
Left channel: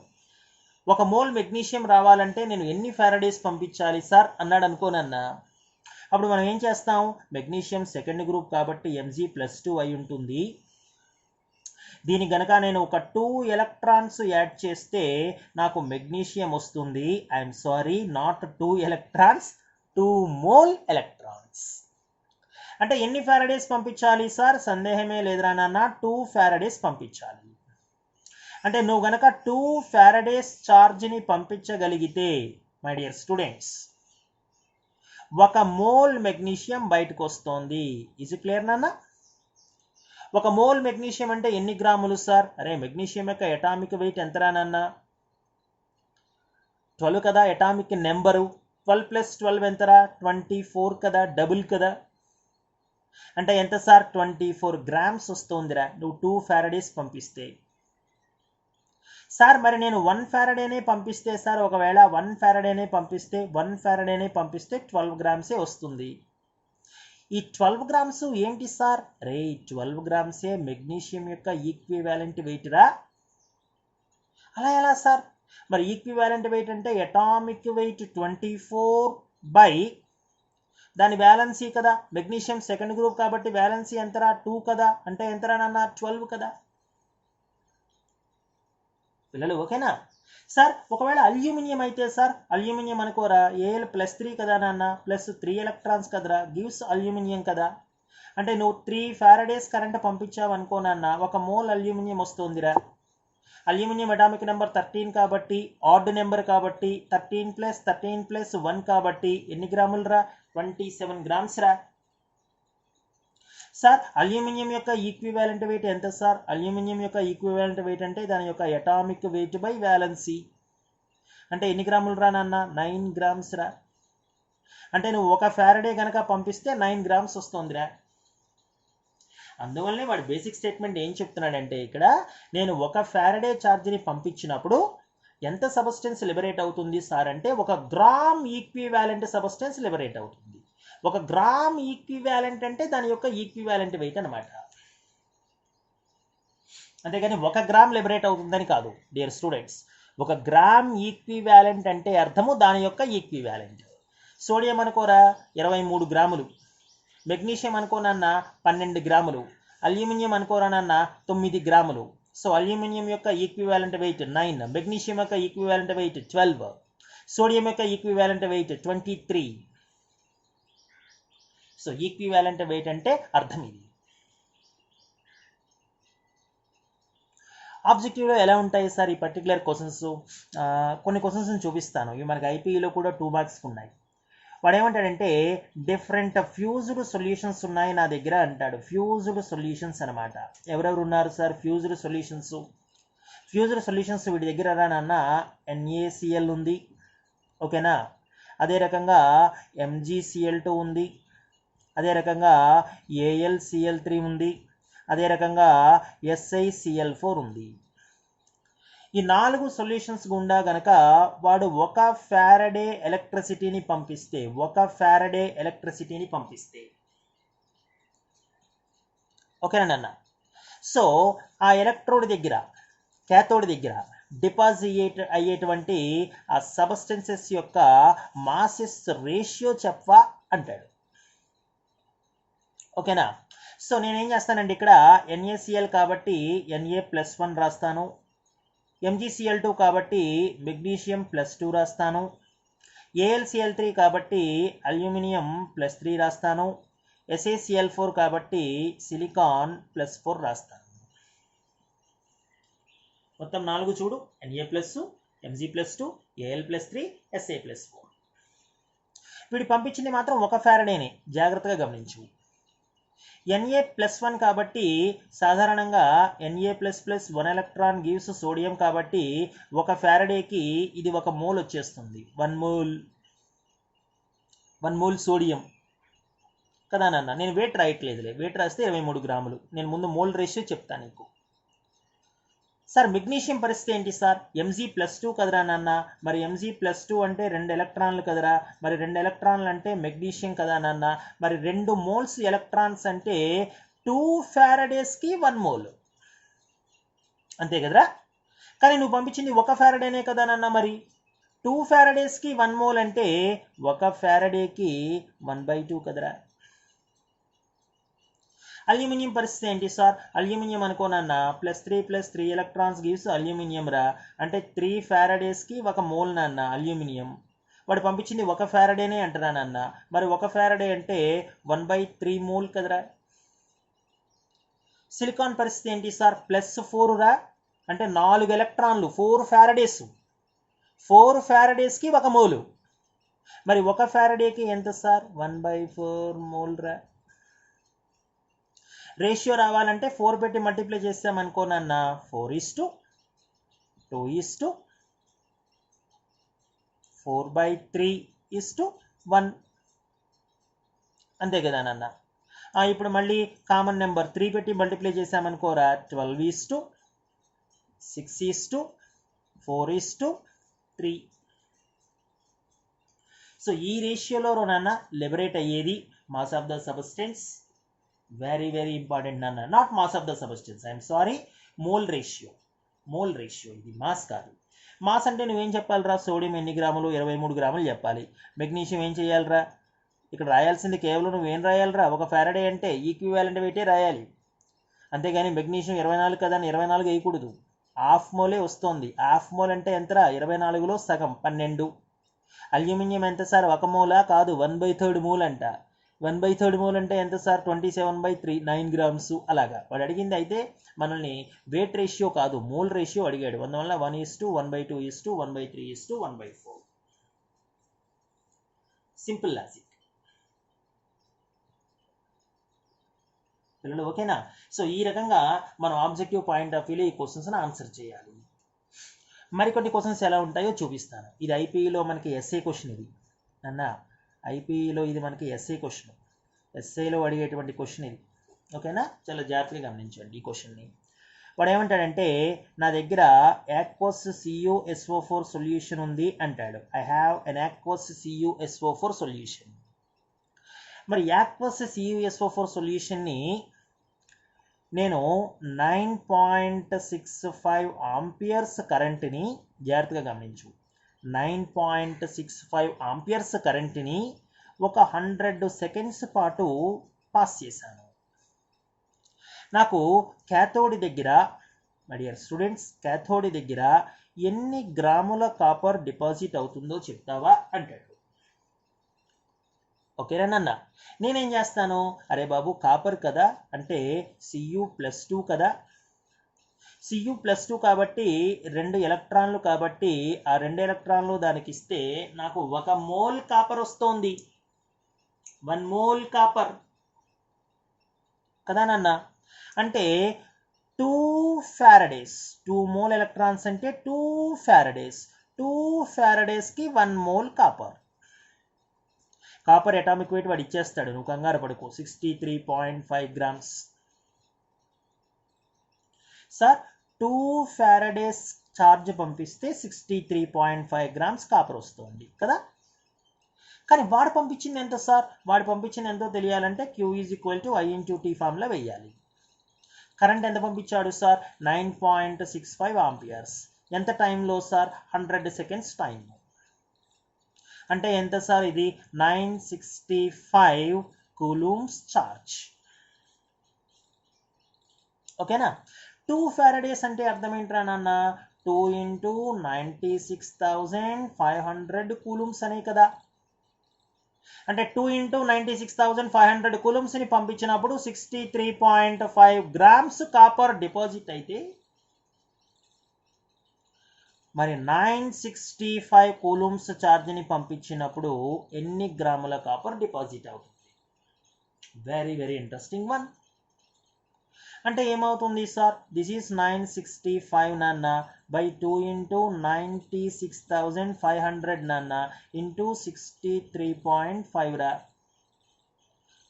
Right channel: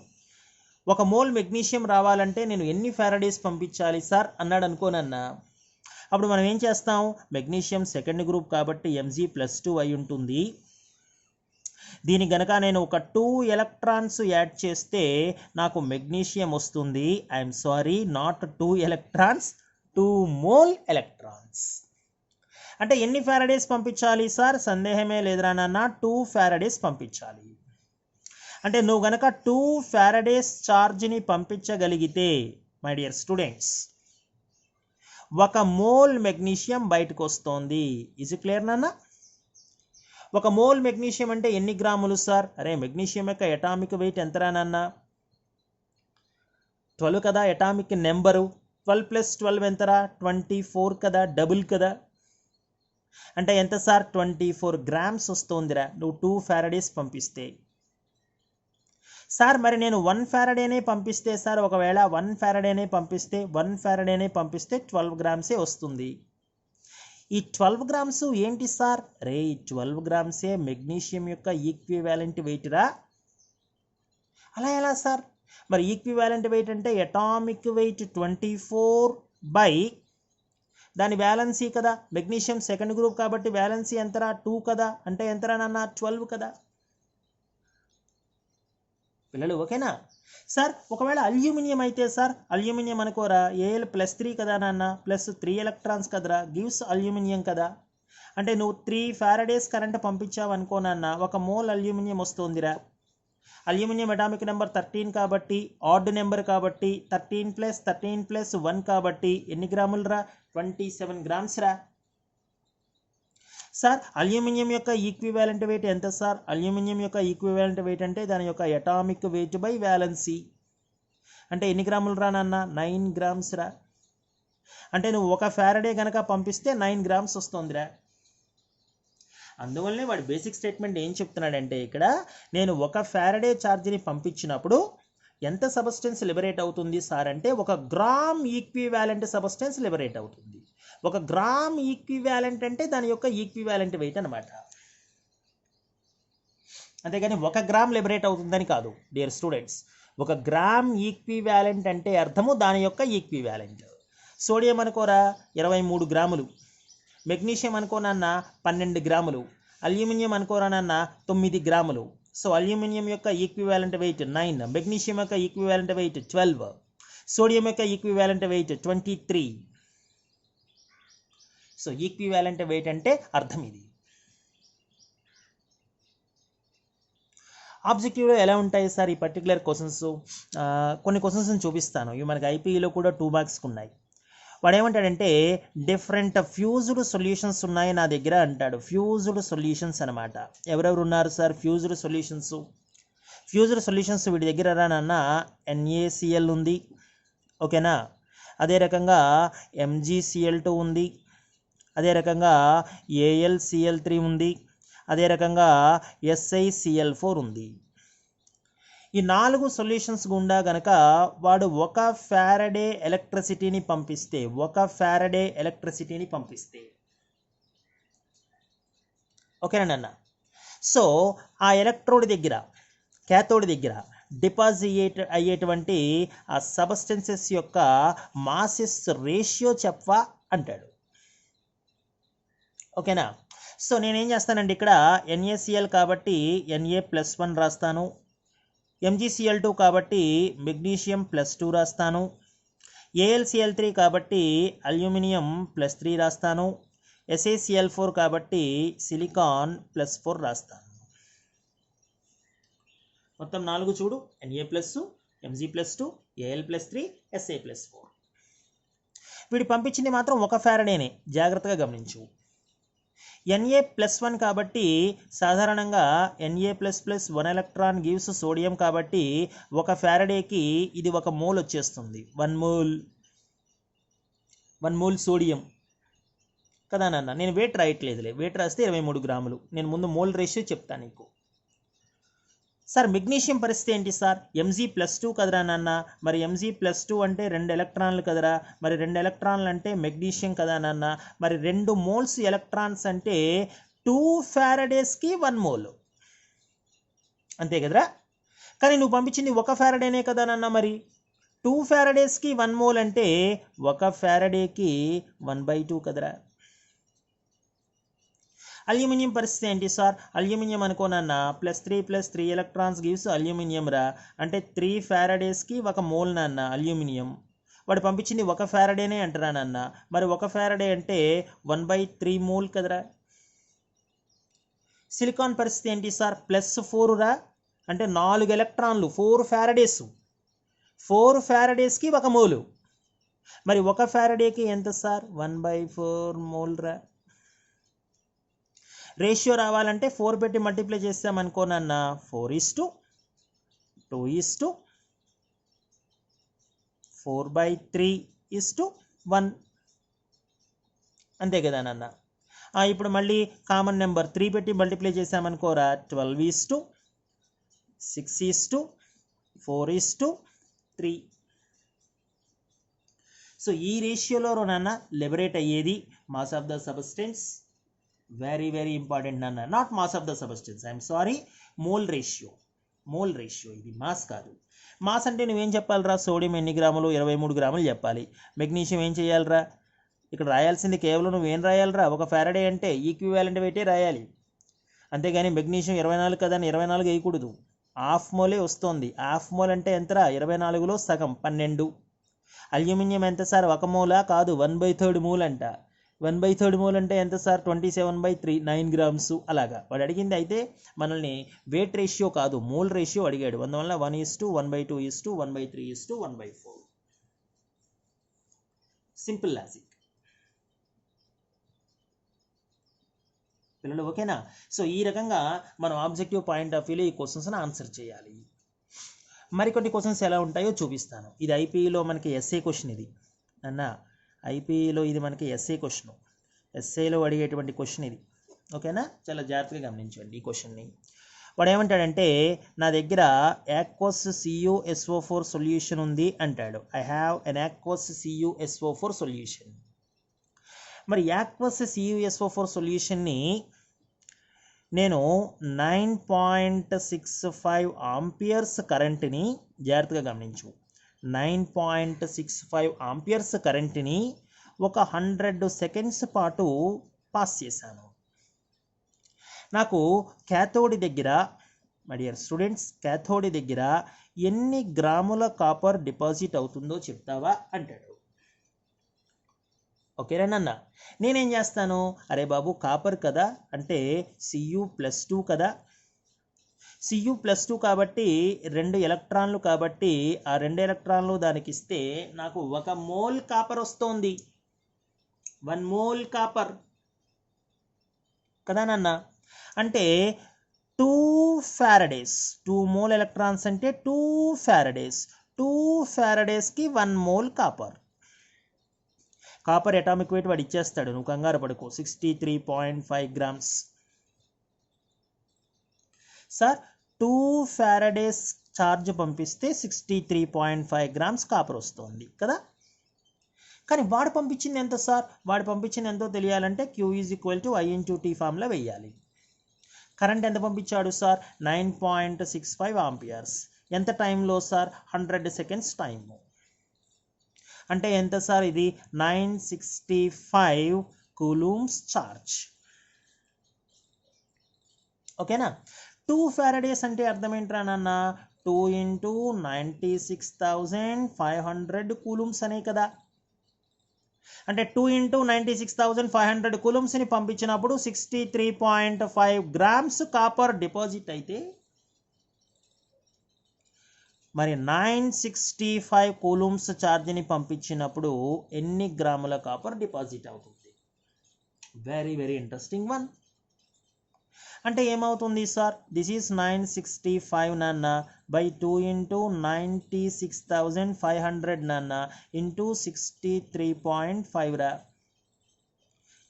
1 మోల్ మెగ్నీషియం రావాలంటే నేను ఎన్ని ఫారడేస్ పంపించాలి సార్ అన్నాడు అనుకోనన్నా. అప్పుడు మనం ఏం చేస్తాం? మెగ్నీషియం సెకండ్ గ్రూప్ కాబట్టి Mg+2 అయి ఉంటుంది. దీని గనక నేను ఒక 2 ఎలక్ట్రాన్స్ యాడ్ చేస్తే నాకు మెగ్నీషియం వస్తుంది. I'm sorry, not 2 electrons, 2 mole electrons. అంటే ఎన్ని ఫారడేస్ పంపించాలి సార్? సందేహమే లేదురా నాన్న, 2 ఫారడేస్ పంపించాలి. అంటే నువ్వు గనక 2 ఫారడేస్ ఛార్జ్ని పంపించగలిగితే my dear students 1 mole magnesium బయటకు వస్తుంది. ఇది క్లియర్ నాన్న? 1 మోల్ మెగ్నీషియం అంటే ఎన్ని గ్రాములు సార్? అరే మెగ్నీషియం యొక్క ఎటామిక్ వెయిట్ ఎంతరా నాన్న? 12 కదా ఎటామిక్ నెంబరు. 12 + 12 ఎంతరా? 24 కదా, డబుల్ కదా. అంటే ఎంత సార్? 24 గ్రామ్స్ వస్తుందిరా నువ్వు 2 ఫారడేస్ పంపిస్తే. సార్ మరి నేను 1 ఫారడేనే పంపిస్తే సార్, ఒకవేళ 1 ఫారడేనే పంపిస్తే 12 గ్రామ్సే వస్తుంది. ఈ 12 గ్రామ్స్ ఏంటి సార్? రే 12 గ్రామ్సే మెగ్నీషియం యొక్క ఈక్వివాలెంట్ వెయిట్ రా. అలా ఎలా సార్? మరి ఈక్వివాలెంట్ వెయిట్ అంటే ఎటామిక్ వెయిట్ 24 బై దాని వ్యాలెన్సీ కదా. మెగ్నీషియం సెకండ్ గ్రూప్ కాబట్టి వ్యాలెన్సీ ఎంతరా? 2 కదా. అంటే ఎంతరా నాన్న? 12 కదా. పిల్లలు ఓకేనా సార్? ఒకవేళ అల్యూమినియం అయితే సార్, అల్యూమినియం అనుకోరా, Al+3 కదా నాన్న, +3 ఎలక్ట్రాన్స్ కదరా, గివ్స్ అల్యూమినియం కదా. అంటే నువ్వు 3 ఫారడేస్ కరెంట్ పంపించావు అనుకో నాన్న, 1 మోల్ అల్యూమినియం వస్తుందిరా. అల్యూమినియం అటామిక్ నెంబర్ 13 కాబట్టి, ఆడ్ నెంబర్ కాబట్టి 13 + 13 + 1 కాబట్టి ఎన్ని గ్రాములు రా? 27 గ్రామ్స్ రా. సార్ అల్యూమినియం యొక్క ఈక్వివాలెంట్ వెయిట్ ఎంత సార్? అల్యూమినియం యొక్క ఈక్వివాలెంట్ వెయిట్ అంటే దాని యొక్క ఎటామిక్ వెయిట్ బై వ్యాలెన్సీ. అంటే ఎన్ని గ్రాములు రా నాన్న? 9 గ్రామ్స్ రా. అంటే నువ్వు 1 ఫారడే కనుక పంపిస్తే 9 గ్రామ్స్ వస్తుందిరా. అందువల్లనే వాడు బేసిక్ స్టేట్మెంట్ ఏం చెప్తున్నాడంటే ఇక్కడ నేను 1 ఫారడే ఛార్జ్ని పంపించినప్పుడు ఎంత సబ్స్టెన్స్ లిబరేట్ అవుతుంది సార్ అంటే 1 గ్రామ్ ఈక్వివాలెంట్ సబ్స్టెన్స్ లిబరేట్ అవుతుంది. 1 గ్రామ్ ఈక్వివాలెంట్ అంటే దాని యొక్క ఈక్వివాలెంట్ వెయిట్ అనమాట. అంతేగాని 1 గ్రామ్ లిబరేట్ అవుతుందని కాదు డియర్ స్టూడెంట్స్. 1 గ్రామ్ ఈక్వివాలెంట్ అంటే అర్థము దాని యొక్క ఈక్వివాలెంట్. సోడియం అనుకోరా 23 గ్రాములు, మెగ్నీషియం అనుకోనన్నా 12 గ్రాములు, అల్యూమినియం అనుకోరానన్నా 9 గ్రాములు. సో అల్యూమినియం యొక్క ఈక్వివాలెంట్ వెయిట్ 9, మెగ్నీషియం యొక్క ఈక్వివాలెంట్ వెయిట్ 12, సోడియం యొక్క equivalent wait 23. So equivalent weight అంటే అర్థం ఇది. ఆబ్జెక్టివ్లో ఎలా ఉంటాయి సార్ ఈ పర్టికులర్ క్వశ్చన్స్? కొన్ని క్వశ్చన్స్ని చూపిస్తాను. ఇవి మనకి ఐపీఈలో కూడా 2 మార్క్స్కి ఉన్నాయి. వాడు ఏమంటాడంటే డిఫరెంట్ ఫ్యూజ్డ్ సొల్యూషన్స్ ఉన్నాయి నా దగ్గర అంటాడు. ఫ్యూజ్డ్ సొల్యూషన్స్ అనమాట. ఎవరెవరు ఉన్నారు sir fused solutions? Fused solutions వీడి దగ్గర రానన్నా NaCl ఉంది, ఓకేనా. అదే రకంగా MgCl2 ఉంది, అదే రకంగా AlCl3 ఉంది, అదే రకంగా SiCl4 ఉంది. ఈ 4 సొల్యూషన్స్ గుండా గనక వాడు 1 ఫారడే ఎలక్ట్రిసిటీని పంపిస్తే, 1 ఫారడే ఎలక్ట్రిసిటీని పంపిస్తే, ఓకేనా. సో ఆ ఎలక్ట్రోడ్ దగ్గర, క్యాథోడ్ దగ్గర డిపాజిట్ అయ్యేటువంటి ఆ సబ్స్టెన్సెస్ యొక్క మాసెస్ రేషియో చెప్పవా అంటాడు, ఓకేనా. సో నేనేం చేస్తానండి ఇక్కడ NaCl కాబట్టి Na+1 రాస్తాను, MgCl2 కాబట్టి మెగ్నీషియం +2 రాస్తాను. AlCl3 కాబట్టి అల్యూమినియం +3 రాస్తాను. SaCl4 కాబట్టి సిలికాన్ +4 రాస్తాను. మొత్తం 4 చూడు, Na+, Mg+2, Al+3, Sa+4. వీడు పంపించింది మాత్రం 1 ఫారడేనే, జాగ్రత్తగా గమనించు. Na+1 కాబట్టి సాధారణంగా Na++ 1 ఎలక్ట్రాన్ గివ్స్ సోడియం కాబట్టి 1 ఫారడేకి ఇది 1 మోల్ వచ్చేస్తుంది. 1 మోల్ సోడియం కదా నాన్న. నేను వెయిట్ రాయట్లేదులే, వెయిట్ రాస్తే 23 గ్రాములు. నేను ముందు మోల్ రేషియో చెప్తాను నీకు. సార్ మెగ్నీషియం పరిస్థితి ఏంటి సార్? Mg+2 కదరా నాన్న. మరి Mg+2 అంటే 2 ఎలక్ట్రాన్లు కదరా. మరి 2 ఎలక్ట్రాన్లు అంటే మెగ్నీషియం కదా నాన్న. మరి 2 మోల్స్ ఎలక్ట్రాన్స్ అంటే 2 ఫారడేస్కి 1 మోల్, అంతే కదరా. కానీ నువ్వు పంపించింది 1 ఫారడేనే కదా నాన్న. మరి 2 ఫారడేస్కి 1 మోల్ అంటే 1 ఫారడేకి 1/2 కదరా. అల్యూమినియం పరిస్థితి ఏంటి సార్? అల్యూమినియం అనుకోనన్నా +3 ఎలక్ట్రాన్స్ గివ్స్ అల్యూమినియం రా. అంటే 3 ఫారడేస్కి 1 మోల్ నాన్న అల్యూమినియం. వాడు పంపించింది 1 ఫారడేనే అంటారా నాన్న. మరి 1 ఫారడే అంటే 1/3 మోల్ కదరా. సిలికాన్ పరిస్థితి ఏంటి సార్? +4 రా. అంటే 4 ఎలక్ట్రాన్లు, 4 ఫారడేస్. 4 ఫారడేస్కి 1 మోలు. మరి 1 ఫారడేకి ఎంత సార్? 1/4 మోల్ రా. రేషియో రావాలంటే 4 పెట్టి మల్టిప్లై చేస్తామనుకోనన్నా 4:2:4/3:1, అంతే కదా నాన్న. ఇప్పుడు మళ్ళీ కామన్ నెంబర్ 3 పెట్టి మల్టిప్లై చేసామనుకోరా 12:6:4:3. సో ఈ రేషియోలో నాన్న లిబరేట్ అయ్యేది mass of the substance. Very very important నాన్న. Not mass of the substance, I'm sorry, mole ratio. ఇది మాస్ కాదు. మాస్ అంటే నువ్వేం చెప్పాలిరా? సోడియం ఎన్ని గ్రాములు? 23 గ్రాములు చెప్పాలి. మెగ్నీషియం ఏం చేయాలిరా? ఇక్కడ రాయాల్సింది కేవలం నువ్వేం రాయాలిరా? 1 ఫారడే అంటే ఈక్వివాలెంట్ వెయిటే రాయాలి, అంతేగాని మెగ్నీషియం 24 కదా అని 24 వేయకూడదు. హాఫ్ మోలే వస్తుంది. హాఫ్ మోల్ అంటే ఎంతరా? 24లో సగం 12. అల్యూమినియం ఎంత సార్? 1 మోలా? కాదు, 1/3 మోల్ అంట. 1/3 మోల్ అంటే ఎంత సార్? 27/3, 9 గ్రామ్స్. అలాగా వాడు అడిగింది. అయితే మనల్ని వెయిట్ రేషియో కాదు, మోల్ రేషియో అడిగాడు. అందువల్ల 1:1/2:1/3:1/4. సింపుల్ లాజిక్ పిల్లలు, ఓకేనా? సో ఈ రకంగా మనం ఆబ్జెక్టివ్ పాయింట్ ఆఫ్ వ్యూలో ఈ క్వశ్చన్స్ని ఆన్సర్ చేయాలి. మరికొన్ని క్వశ్చన్స్ ఎలా ఉంటాయో చూపిస్తాను. ఇది ఐపీఈలో మనకి ఎస్ఏ క్వశ్చన్. ఇది అన్న ఐపీఈలో ఇది మనకి ఎస్ఏ క్వశ్చన్. ఎస్ఏలో అడిగేటువంటి క్వశ్చన్ ఇది, ఓకేనా? చాలా జాగ్రత్తగా గమనించండి ఈ క్వశ్చన్ని. వాడు ఏమంటాడంటే, నా దగ్గర aqueous CuSO4 సొల్యూషన్ ఉంది అంటాడు. I have an aqueous CuSO4 solution. మరి aqueous CuSO4 సొల్యూషన్ని నేను 9.65 ఆంపియర్స్ కరెంట్ని, జాగ్రత్తగా గమనించు, 9.65 ఆంపియర్స్ కరెంట్ని ఒక 100 సెకండ్స్ పాటు పాస్ చేశాను. నాకు క్యాథోడ్ దగ్గర, మై డియర్ స్టూడెంట్స్, క్యాథోడ్ దగ్గర ఎన్ని గ్రాముల కాపర్ డిపాజిట్ అవుతుందో చెప్తావా అంటాడు. ఓకేనా? నేనేం చేస్తాను? అరే బాబు, కాపర్ కదా అంటే Cu+2 కదా. Cu+2 కాబట్టి 2 ఎలక్ట్రాన్లు కాబట్టి ఆ 2 ఎలక్ట్రాన్లు దానికి ఇస్తే నాకు 1 మోల్ కాపర్ వస్తోంది. 1 మోల్ కాపర్ కదా నాన్న. అంటే 2 ఫారడేస్. 2 మోల్ ఎలక్ట్రాన్స్ అంటే 2 Faraday's. 2 ఫారడేస్కి 1 mole copper. Copper atomic weight వాడు ఇచ్చేస్తాడు, నువ్వు కంగారు పడుకో. 63.5 గ్రామ్స్. సార్ 2 ఫారడేస్ ఛార్జ్ పంపిస్తే 63.5 గ్రామ్స్ కాపర్ వస్తుంది కదా. కానీ వాడు పంపించింది ఎంత సార్? వాడు పంపించింది ఎంతో తెలియాలంటే Q = I/T ఫార్ములా వేయాలి. కరెంట్ ఎంత పంపించాడు సార్? 9.65 ఆంపియర్స్. ఎంత టైంలో సార్? 100 seconds time. అంటే ఎంత సార్? ఇది 965 కూలూమ్స్ ఛార్జ్. ఓకేనా? 2 ఫారడేస్ అంటే అర్థం ఏంట్రా నాన్న? 2 into 96,500 కూలుమ్స్ అనే కదా. అంటే 2 into 96,500 కూలుమ్స్ని పంపించినప్పుడు 63.5 grams కాపర్ డిపాజిట్ అయితే మరి 965 కూలుమ్స్ ఛార్జ్ని పంపించినప్పుడు ఎన్ని గ్రాముల కాపర్ డిపాజిట్ అవుతుంది? Very very interesting one. అంటే ఏమవుతుంది సార్? దిస్ ఈస్ 965 నాన్న బై 2 into 96,500 నాన్న ఇంటూ 63.5 రా.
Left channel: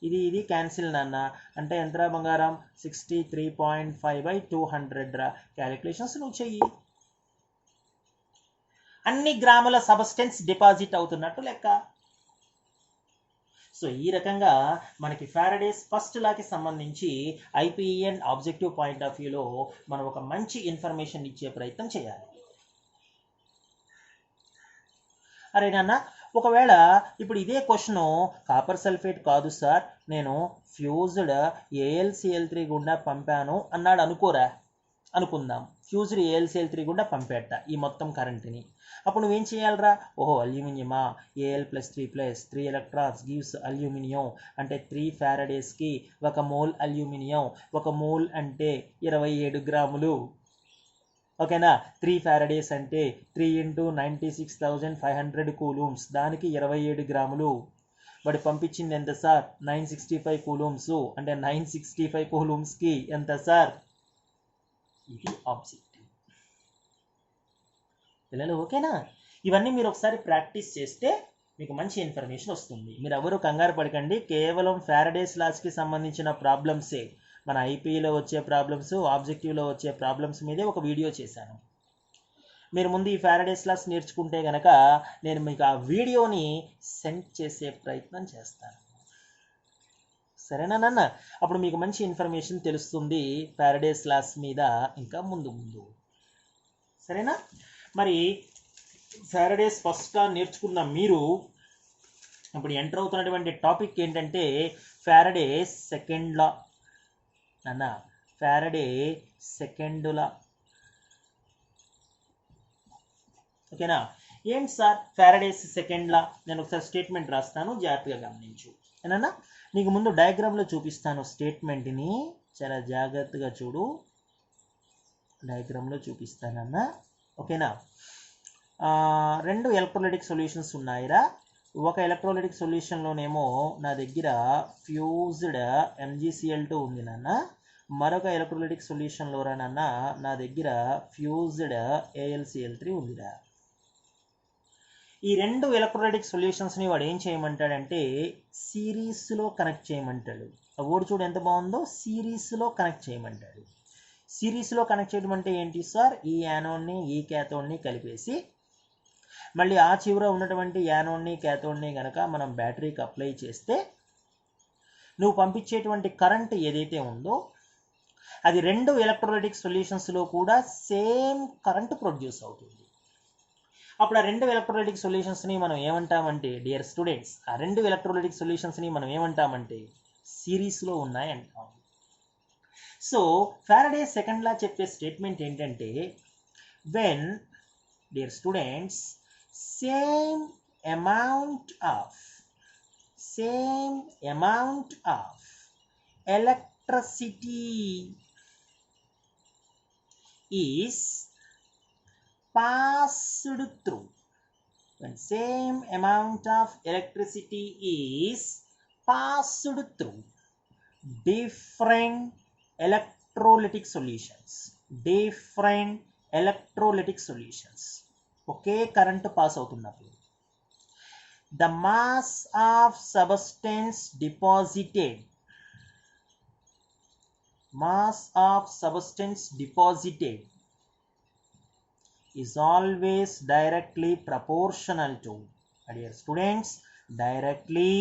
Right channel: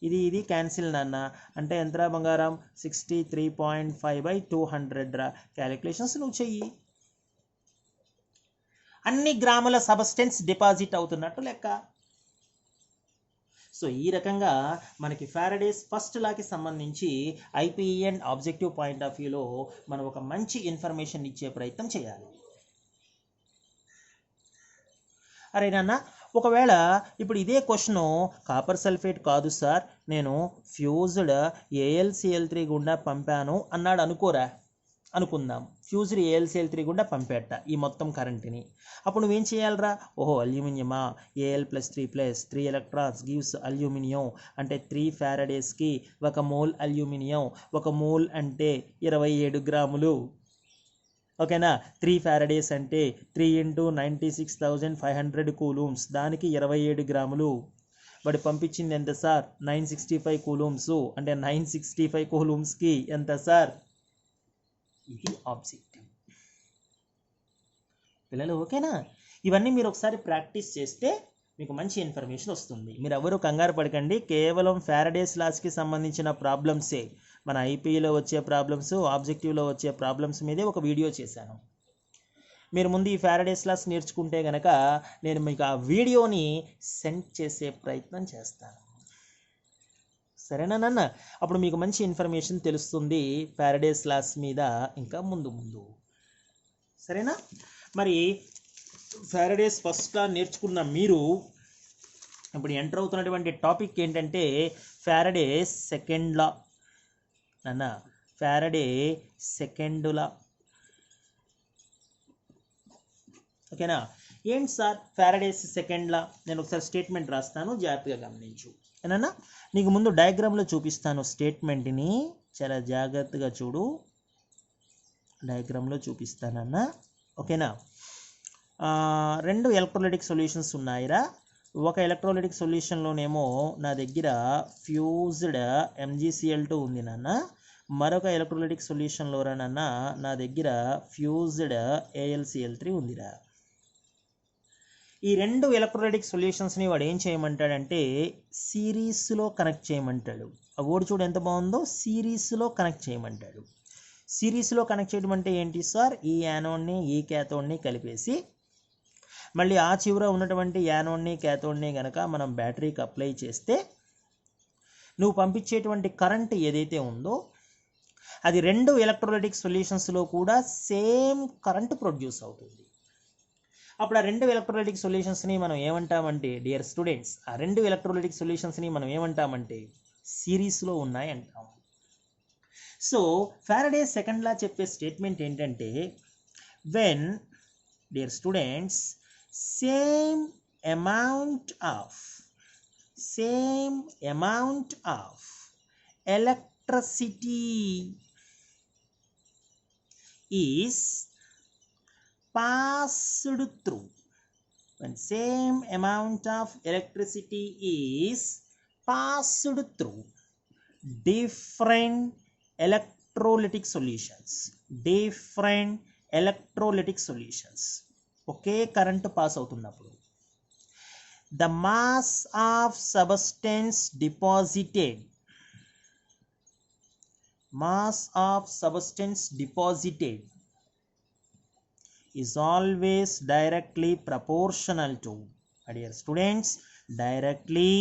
ఇది క్యాన్సిల్ నాన్న. అంటే ఎంతరా బంగారం? 63.5 by 200 రా. క్యాలిక్యులేషన్స్ నువ్వు చెయ్యి. అన్ని గ్రాముల సబ్స్టెన్స్ డిపాజిట్ అవుతున్నట్టు లెక్క. సో ఈ రకంగా మనకి ఫారడేస్ ఫస్ట్ లాకి సంబంధించి IPE and objective point of వ్యూలో మనం ఒక మంచి ఇన్ఫర్మేషన్ ఇచ్చే ప్రయత్నం చేయాలి. అరే నాన్న, ఒకవేళ ఇప్పుడు ఇదే క్వశ్చన్ కాపర్ సల్ఫేట్ కాదు సార్, నేను ఫ్యూజ్డ్ AlCl3 గుండా పంపాను అన్నాడు అనుకోరా. అనుకుందాం ఫ్యూజ్డ్ AlCl3 గుండా పంపేట ఈ మొత్తం కరెంట్ని. అప్పుడు నువ్వేం చేయాలరా? ఓహో అల్యూమినియమా, Al+3+3 ఎలక్ట్రాన్స్ గివ్స్ అల్యూమినియం. అంటే 3 ఫారడేస్కి 1 మోల్ అల్యూమినియం. 1 మోల్ అంటే 27 గ్రాములు. ఓకేనా? 3 ఫారడేస్ అంటే 3 into 96,500 కూలూమ్స్, దానికి 27 గ్రాములు. బట్ పంపించింది ఎంత సార్? 965 కూలూమ్స్. అంటే 965 కూలూమ్స్కి ఎంత సార్? ఇది ఆబ్జెక్టివ్. పిల్లలు ఓకేనా? ఇవన్నీ మీరు ఒకసారి ప్రాక్టీస్ చేస్తే మీకు మంచి ఇన్ఫర్మేషన్ వస్తుంది. మీరు ఎవరు కంగారు పడకండి, కేవలం ఫారడేస్ లాస్కి సంబంధించిన ప్రాబ్లమ్సే. మన ఐపీఈలో వచ్చే ప్రాబ్లమ్స్, ఆబ్జెక్టివ్లో వచ్చే ప్రాబ్లమ్స్ మీదే ఒక వీడియో చేశాను. మీరు ముందు ఈ ఫారడేస్ లాస్ నేర్చుకుంటే కనుక నేను మీకు ఆ వీడియోని సెండ్ చేసే ప్రయత్నం చేస్తాను. సరేనా నాన్న? అప్పుడు మీకు మంచి ఇన్ఫర్మేషన్ తెలుస్తుంది ఫారడేస్ లాస్ మీద ఇంకా ముందు. సరేనా? మరి ఫారడేస్ ఫస్ట్ లా నేర్చుకున్న మీరు ఇప్పుడు ఎంటర్ అవుతున్నటువంటి టాపిక్ ఏంటంటే ఫారడేస్ సెకండ్ లా. నాన్న ఫారడే సెకండ్ లా. ఓకేనా? ఏంటి సార్ ఫారడేస్ సెకండ్ లా? నేను ఒకసారి స్టేట్మెంట్ రాస్తాను, జాగ్రత్తగా గమనించు. ఏనన్నా నీకు ముందు డయాగ్రామ్లో చూపిస్తాను స్టేట్మెంట్ని, చాలా జాగ్రత్తగా చూడు. డయాగ్రామ్లో చూపిస్తానన్నా. ఓకేనా? 2 ఎలక్ట్రోలైటిక్ సొల్యూషన్స్ ఉన్నాయిరా. ఒక ఎలక్ట్రోలైటిక్ సొల్యూషన్లోనేమో నా దగ్గర ఫ్యూజ్డ్ MgCl2 ఉంది నాన్న. మరొక ఎలక్ట్రోలైటిక్ సొల్యూషన్లో నాన్న నా దగ్గర ఫ్యూజ్డ్ AlCl3 ఉందిరా. ఈ 2 ఎలక్ట్రోలైటిక్ సొల్యూషన్స్ని వాడు ఏం చేయమంటాడంటే సిరీస్లో కనెక్ట్ చేయమంటాడు. ఆ ఓడి చూడు ఎంత బాగుందో, సిరీస్లో కనెక్ట్ చేయమంటాడు. సిరీస్లో కనెక్ట్ చేయడం అంటే ఏంటి సార్? ఈ యానోడ్ని ఈ క్యాథోడ్ని కలిపేసి మళ్ళీ ఆ చివర ఉన్నటువంటి యానోడ్ని క్యాథోడ్ని కనుక మనం బ్యాటరీకి అప్లై చేస్తే నువ్వు పంపించేటువంటి కరెంట్ ఏదైతే ఉందో అది 2 ఎలక్ట్రోలైటిక్ సొల్యూషన్స్లో కూడా సేమ్ కరెంట్ ప్రొడ్యూస్ అవుతుంది. అప్పుడు ఆ 2 ఎలక్ట్రోలైటిక్ సొల్యూషన్స్ని మనం ఏమంటామంటే డియర్ స్టూడెంట్స్, ఆ 2 ఎలక్ట్రోలైటిక్ సొల్యూషన్స్ని మనం ఏమంటామంటే సిరీస్లో ఉన్నాయి అంటాం. సో ఫారడే సెకండ్ లా చెప్పే స్టేట్మెంట్ ఏంటంటే when dear students same amount of electricity is passed through, when same amount of electricity is passed through different electrolytic solutions, okay current pass అవుతున్నప్పుడు the mass of substance deposited is always directly proportional to, dear students, directly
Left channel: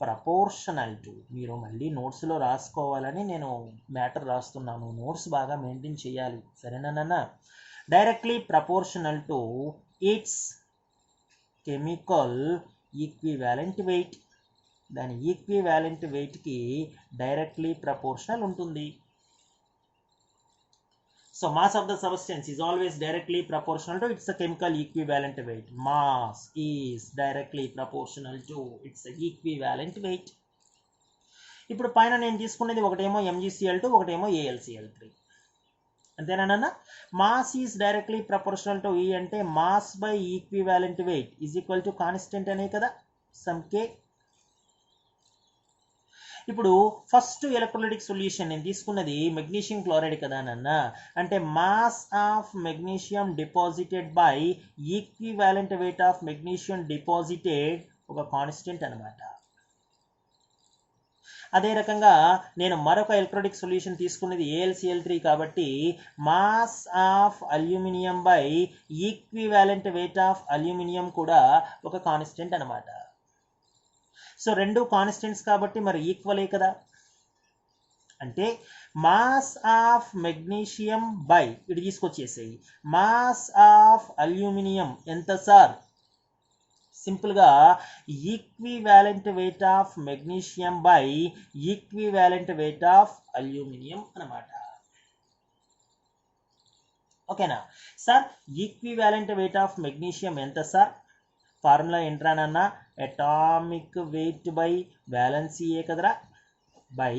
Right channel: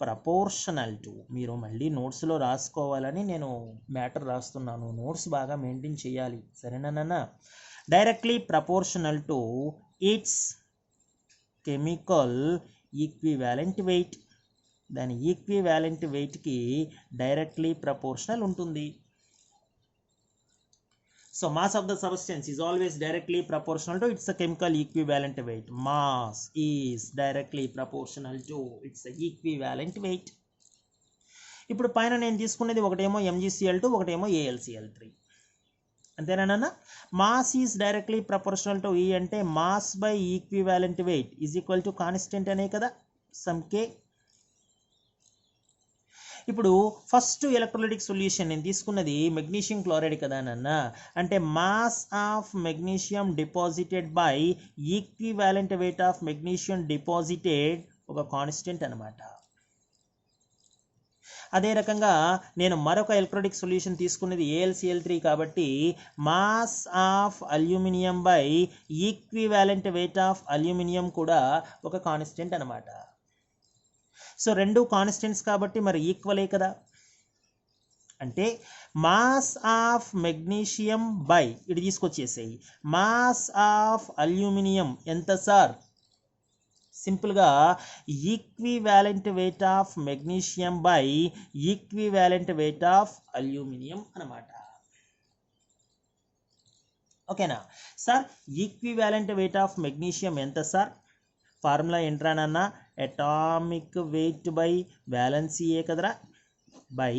proportional to. మీరు మళ్ళీ నోట్స్లో రాసుకోవాలని నేను మ్యాటర్ రాస్తున్నాను, నోట్స్ బాగా మెయింటైన్ చేయాలి. సరేనా నాన్న? Directly proportional to it's chemical equivalent wait. దాని ఈక్వివాలెంట్ వెయిట్కి డైరెక్ట్లీ ప్రపోర్షనల్ ఉంటుంది. So mass of the substance is always directly proportional to its chemical equivalent weight. Mass is directly proportional to its equivalent weight. ఇప్పుడు పైన నేను తీసుకునేది ఒకటేమో MgCl2 ఒకటేమో AlCl3 అంతేనా. Mass is directly proportional to ఈ అంటే mass by equivalent wait is equal to constant అనే కదా సమ్ K. ఇప్పుడు ఫస్ట్ ఎలక్ట్రోలైటిక్ సొల్యూషన్ నేను తీసుకున్నది మెగ్నీషియం క్లోరైడ్ కదా నాన్న, అంటే mass of magnesium deposited by equivalent weight of magnesium deposited ఒక కాన్స్టెంట్ అనమాట. అదే రకంగా నేను మరొక ఎలక్ట్రోలైటిక్ సొల్యూషన్ తీసుకున్నది AlCl3 కాబట్టి mass of aluminium by equivalent weight of aluminium కూడా ఒక కాన్స్టెంట్ అనమాట. సో రెండు కాన్స్టెంట్స్ కాబట్టి మరి ఈక్వలే కదా. అంటే మాస్ ఆఫ్ మెగ్నీషియం బై ఇటు తీసుకొచ్చేసేయి మాస్ ఆఫ్ అల్యూమినియం ఎంత సార్, సింపుల్గా equivalent weight of magnesium by equivalent weight of aluminium అనమాట. ఓకేనా sir. Equivalent weight of magnesium ఎంత సార్, ఫార్ములా ఏంట్రానన్నా అటామిక్ వెయిట్ బై వ్యాలెన్సీయే కదరా, బై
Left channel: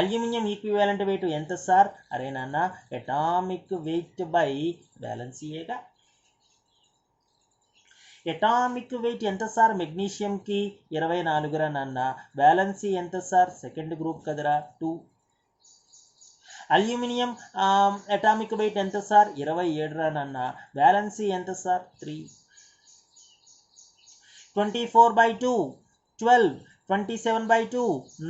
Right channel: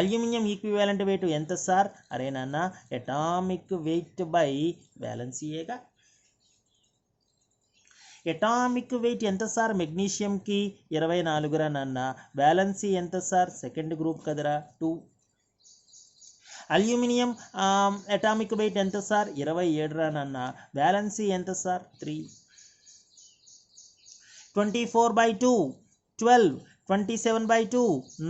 అల్యూమినియం ఈక్వివాలెంట్ వెయిట్ ఎంత సార్, అరేనన్నా అటామిక్ వెయిట్ బై వ్యాలెన్సీయేగా. అటామిక్ వెయిట్ ఎంత సార్ మెగ్నీషియంకి 24 రా నాన్న, వ్యాలెన్సీ ఎంత సార్ సెకండ్ గ్రూప్ కదరా 2. అల్యూమినియం అటామిక్ వెయిట్ ఎంత సార్ 27 రా నాన్న, వ్యాలెన్సీ ఎంత sir 3. 24/2 12, 27/2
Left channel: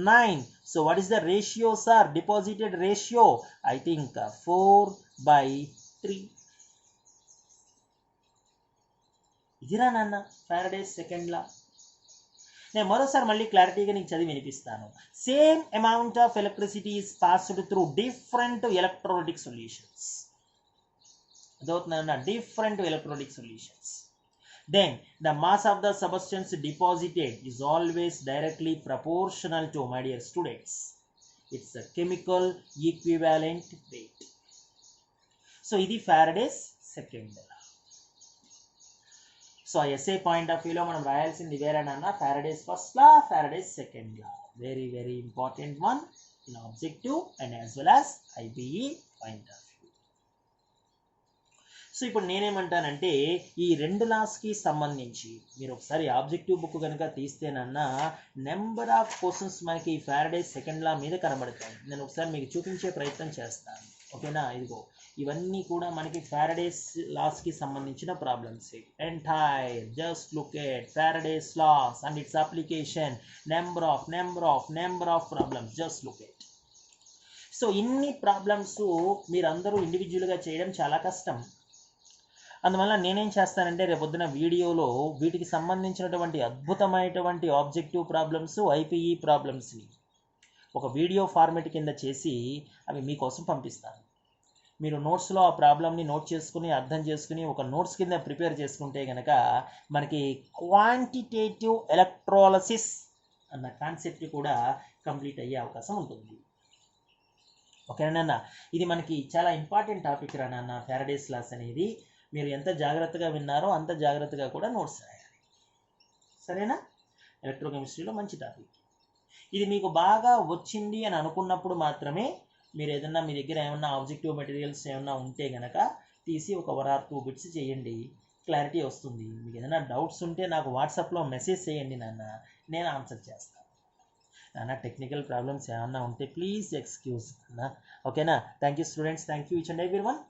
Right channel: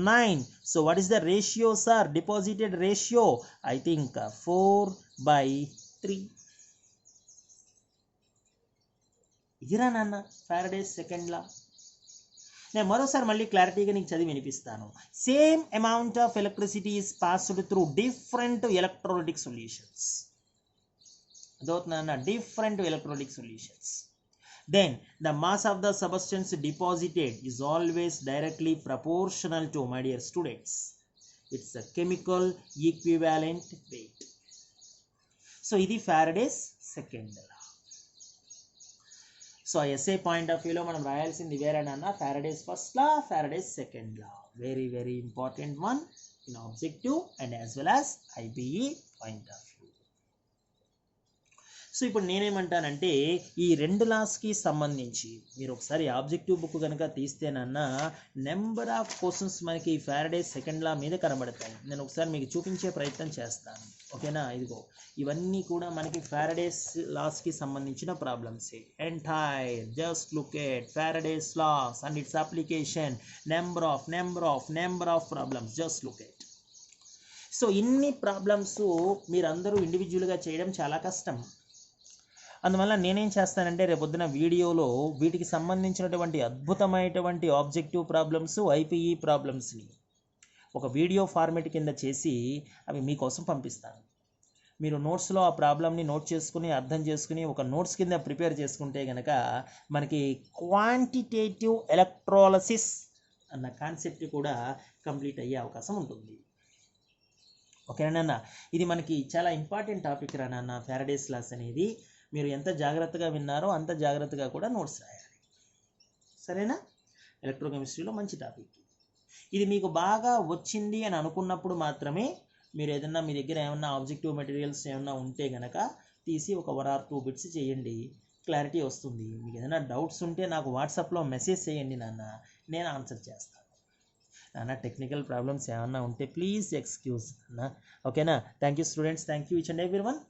9. So what is the ratio sir, deposited ratio? I think 4/3. ఇదిరా నాన్న ఫారడేస్ సెకండ్ లా. నేను మరోసారి మళ్ళీ క్లారిటీగా నీకు చదివి వినిపిస్తాను. Same amount of electricity is passed through different electrolytic solutions. అదవుతుందన్న different electrolytic solutions. Then the mass of the substance deposited is always directly proportional to, my dear students, it's a chemical equivalent weight. So ఇది Faraday's second law. So essay point of view లో మనం రాయాల్సింది వేరేనన్నా Faraday's first law, Faraday's second law. Very very important one in objective and as well as IBE point of view. So ఇప్పుడు నేనేమంటానంటే ఈ రెండు లాస్కి సంబంధించి మీరు ఒకసారి ఆబ్జెక్టివ్ బుక్ కనుక తీస్తేనన్నా నెంబర్ ఆఫ్ క్వశ్చన్స్ మనకి ఫారడే సెకండ్ లా మీద కనబడతాయి. నేను ఒకసారి మీకు చూపించే ప్రయత్నం చేస్తాను. ఓకేనా, ఇదిగో ఇవన్నీ కూడా మనకి ఫారడేస్ లాస్కి సంబంధించిన problems. Entire just look at Faraday's laws and its application. Number of problems just look at. So ఇన్ని ప్రాబ్లమ్స్ మీరందరూ ఇండివిజువల్గా చేయడం చాలా కష్టం. అందువల్ల నేనేం చేస్తానంటే రేపొద్దున వీడియోలో వీటికి సంబంధించినటువంటి అద్భుతమైనటువంటి ఆబ్జెక్టివ్ ప్రాబ్లమ్స్, ఐపీఈ ప్రాబ్లమ్స్ని ఒక వీడియో ఫార్మేట్ కింద చేసి అవి మీకోసం పంపిస్తాను. మీరు నోట్స్లో ఆ ప్రాబ్లమ్ని నోట్ చేసుకుని అర్థం చేసుకుని ఒక నోట్స్ కింద ప్రిపేర్ చేసుకుంటే కనుక మనకి క్వాంటిటేటివ్ ఎలక్ట్రాలసిస్ అన్న కాన్సెప్ట్ కూడా కంప్లీట్ అయ్యే అవకాశం ఉంటుంది. ఓకేనా, ఇది మనకి చాలా ఇంపార్టెంట్ టాపిక్ రా నాన్న ఫారడేస్ లాస్ అనేది. మీరు ఎంత జాగ్రత్తగా విన్నారో అంత జాగ్రత్తగా కూడా నోట్స్ రాయాలి. సరేనా? ఎలక్ట్రోకెమిస్ట్రీలో మంచి టాపిక్ ఇది. మీకు బాగా వచ్చింది అని అనుకున్నప్పుడు మాత్రమే మీరు ఏదన్నా మీ దగ్గర ఏమన్నా ఆబ్జెక్టివ్ మెటీరియల్స్ ఏమన్నా ఉంటే కనుక తీసి ఒక 1 or 2 బిట్స్ చేయండి, క్లారిటీ వస్తుంది. మీకు ఏదైనా డౌట్స్ ఉంటే నాకు వాట్సాప్లో మెసేజ్ చేయండి నాన్న, నేను ఆన్సర్ చేస్తాను. నాన్న టెక్నికల్ ప్రాబ్లమ్స్ ఏమన్నా ఉంటే ప్లీజ్ ఎక్స్క్యూజ్ అన్న. ఓకేనా? Thank you students, thank you each and everyone.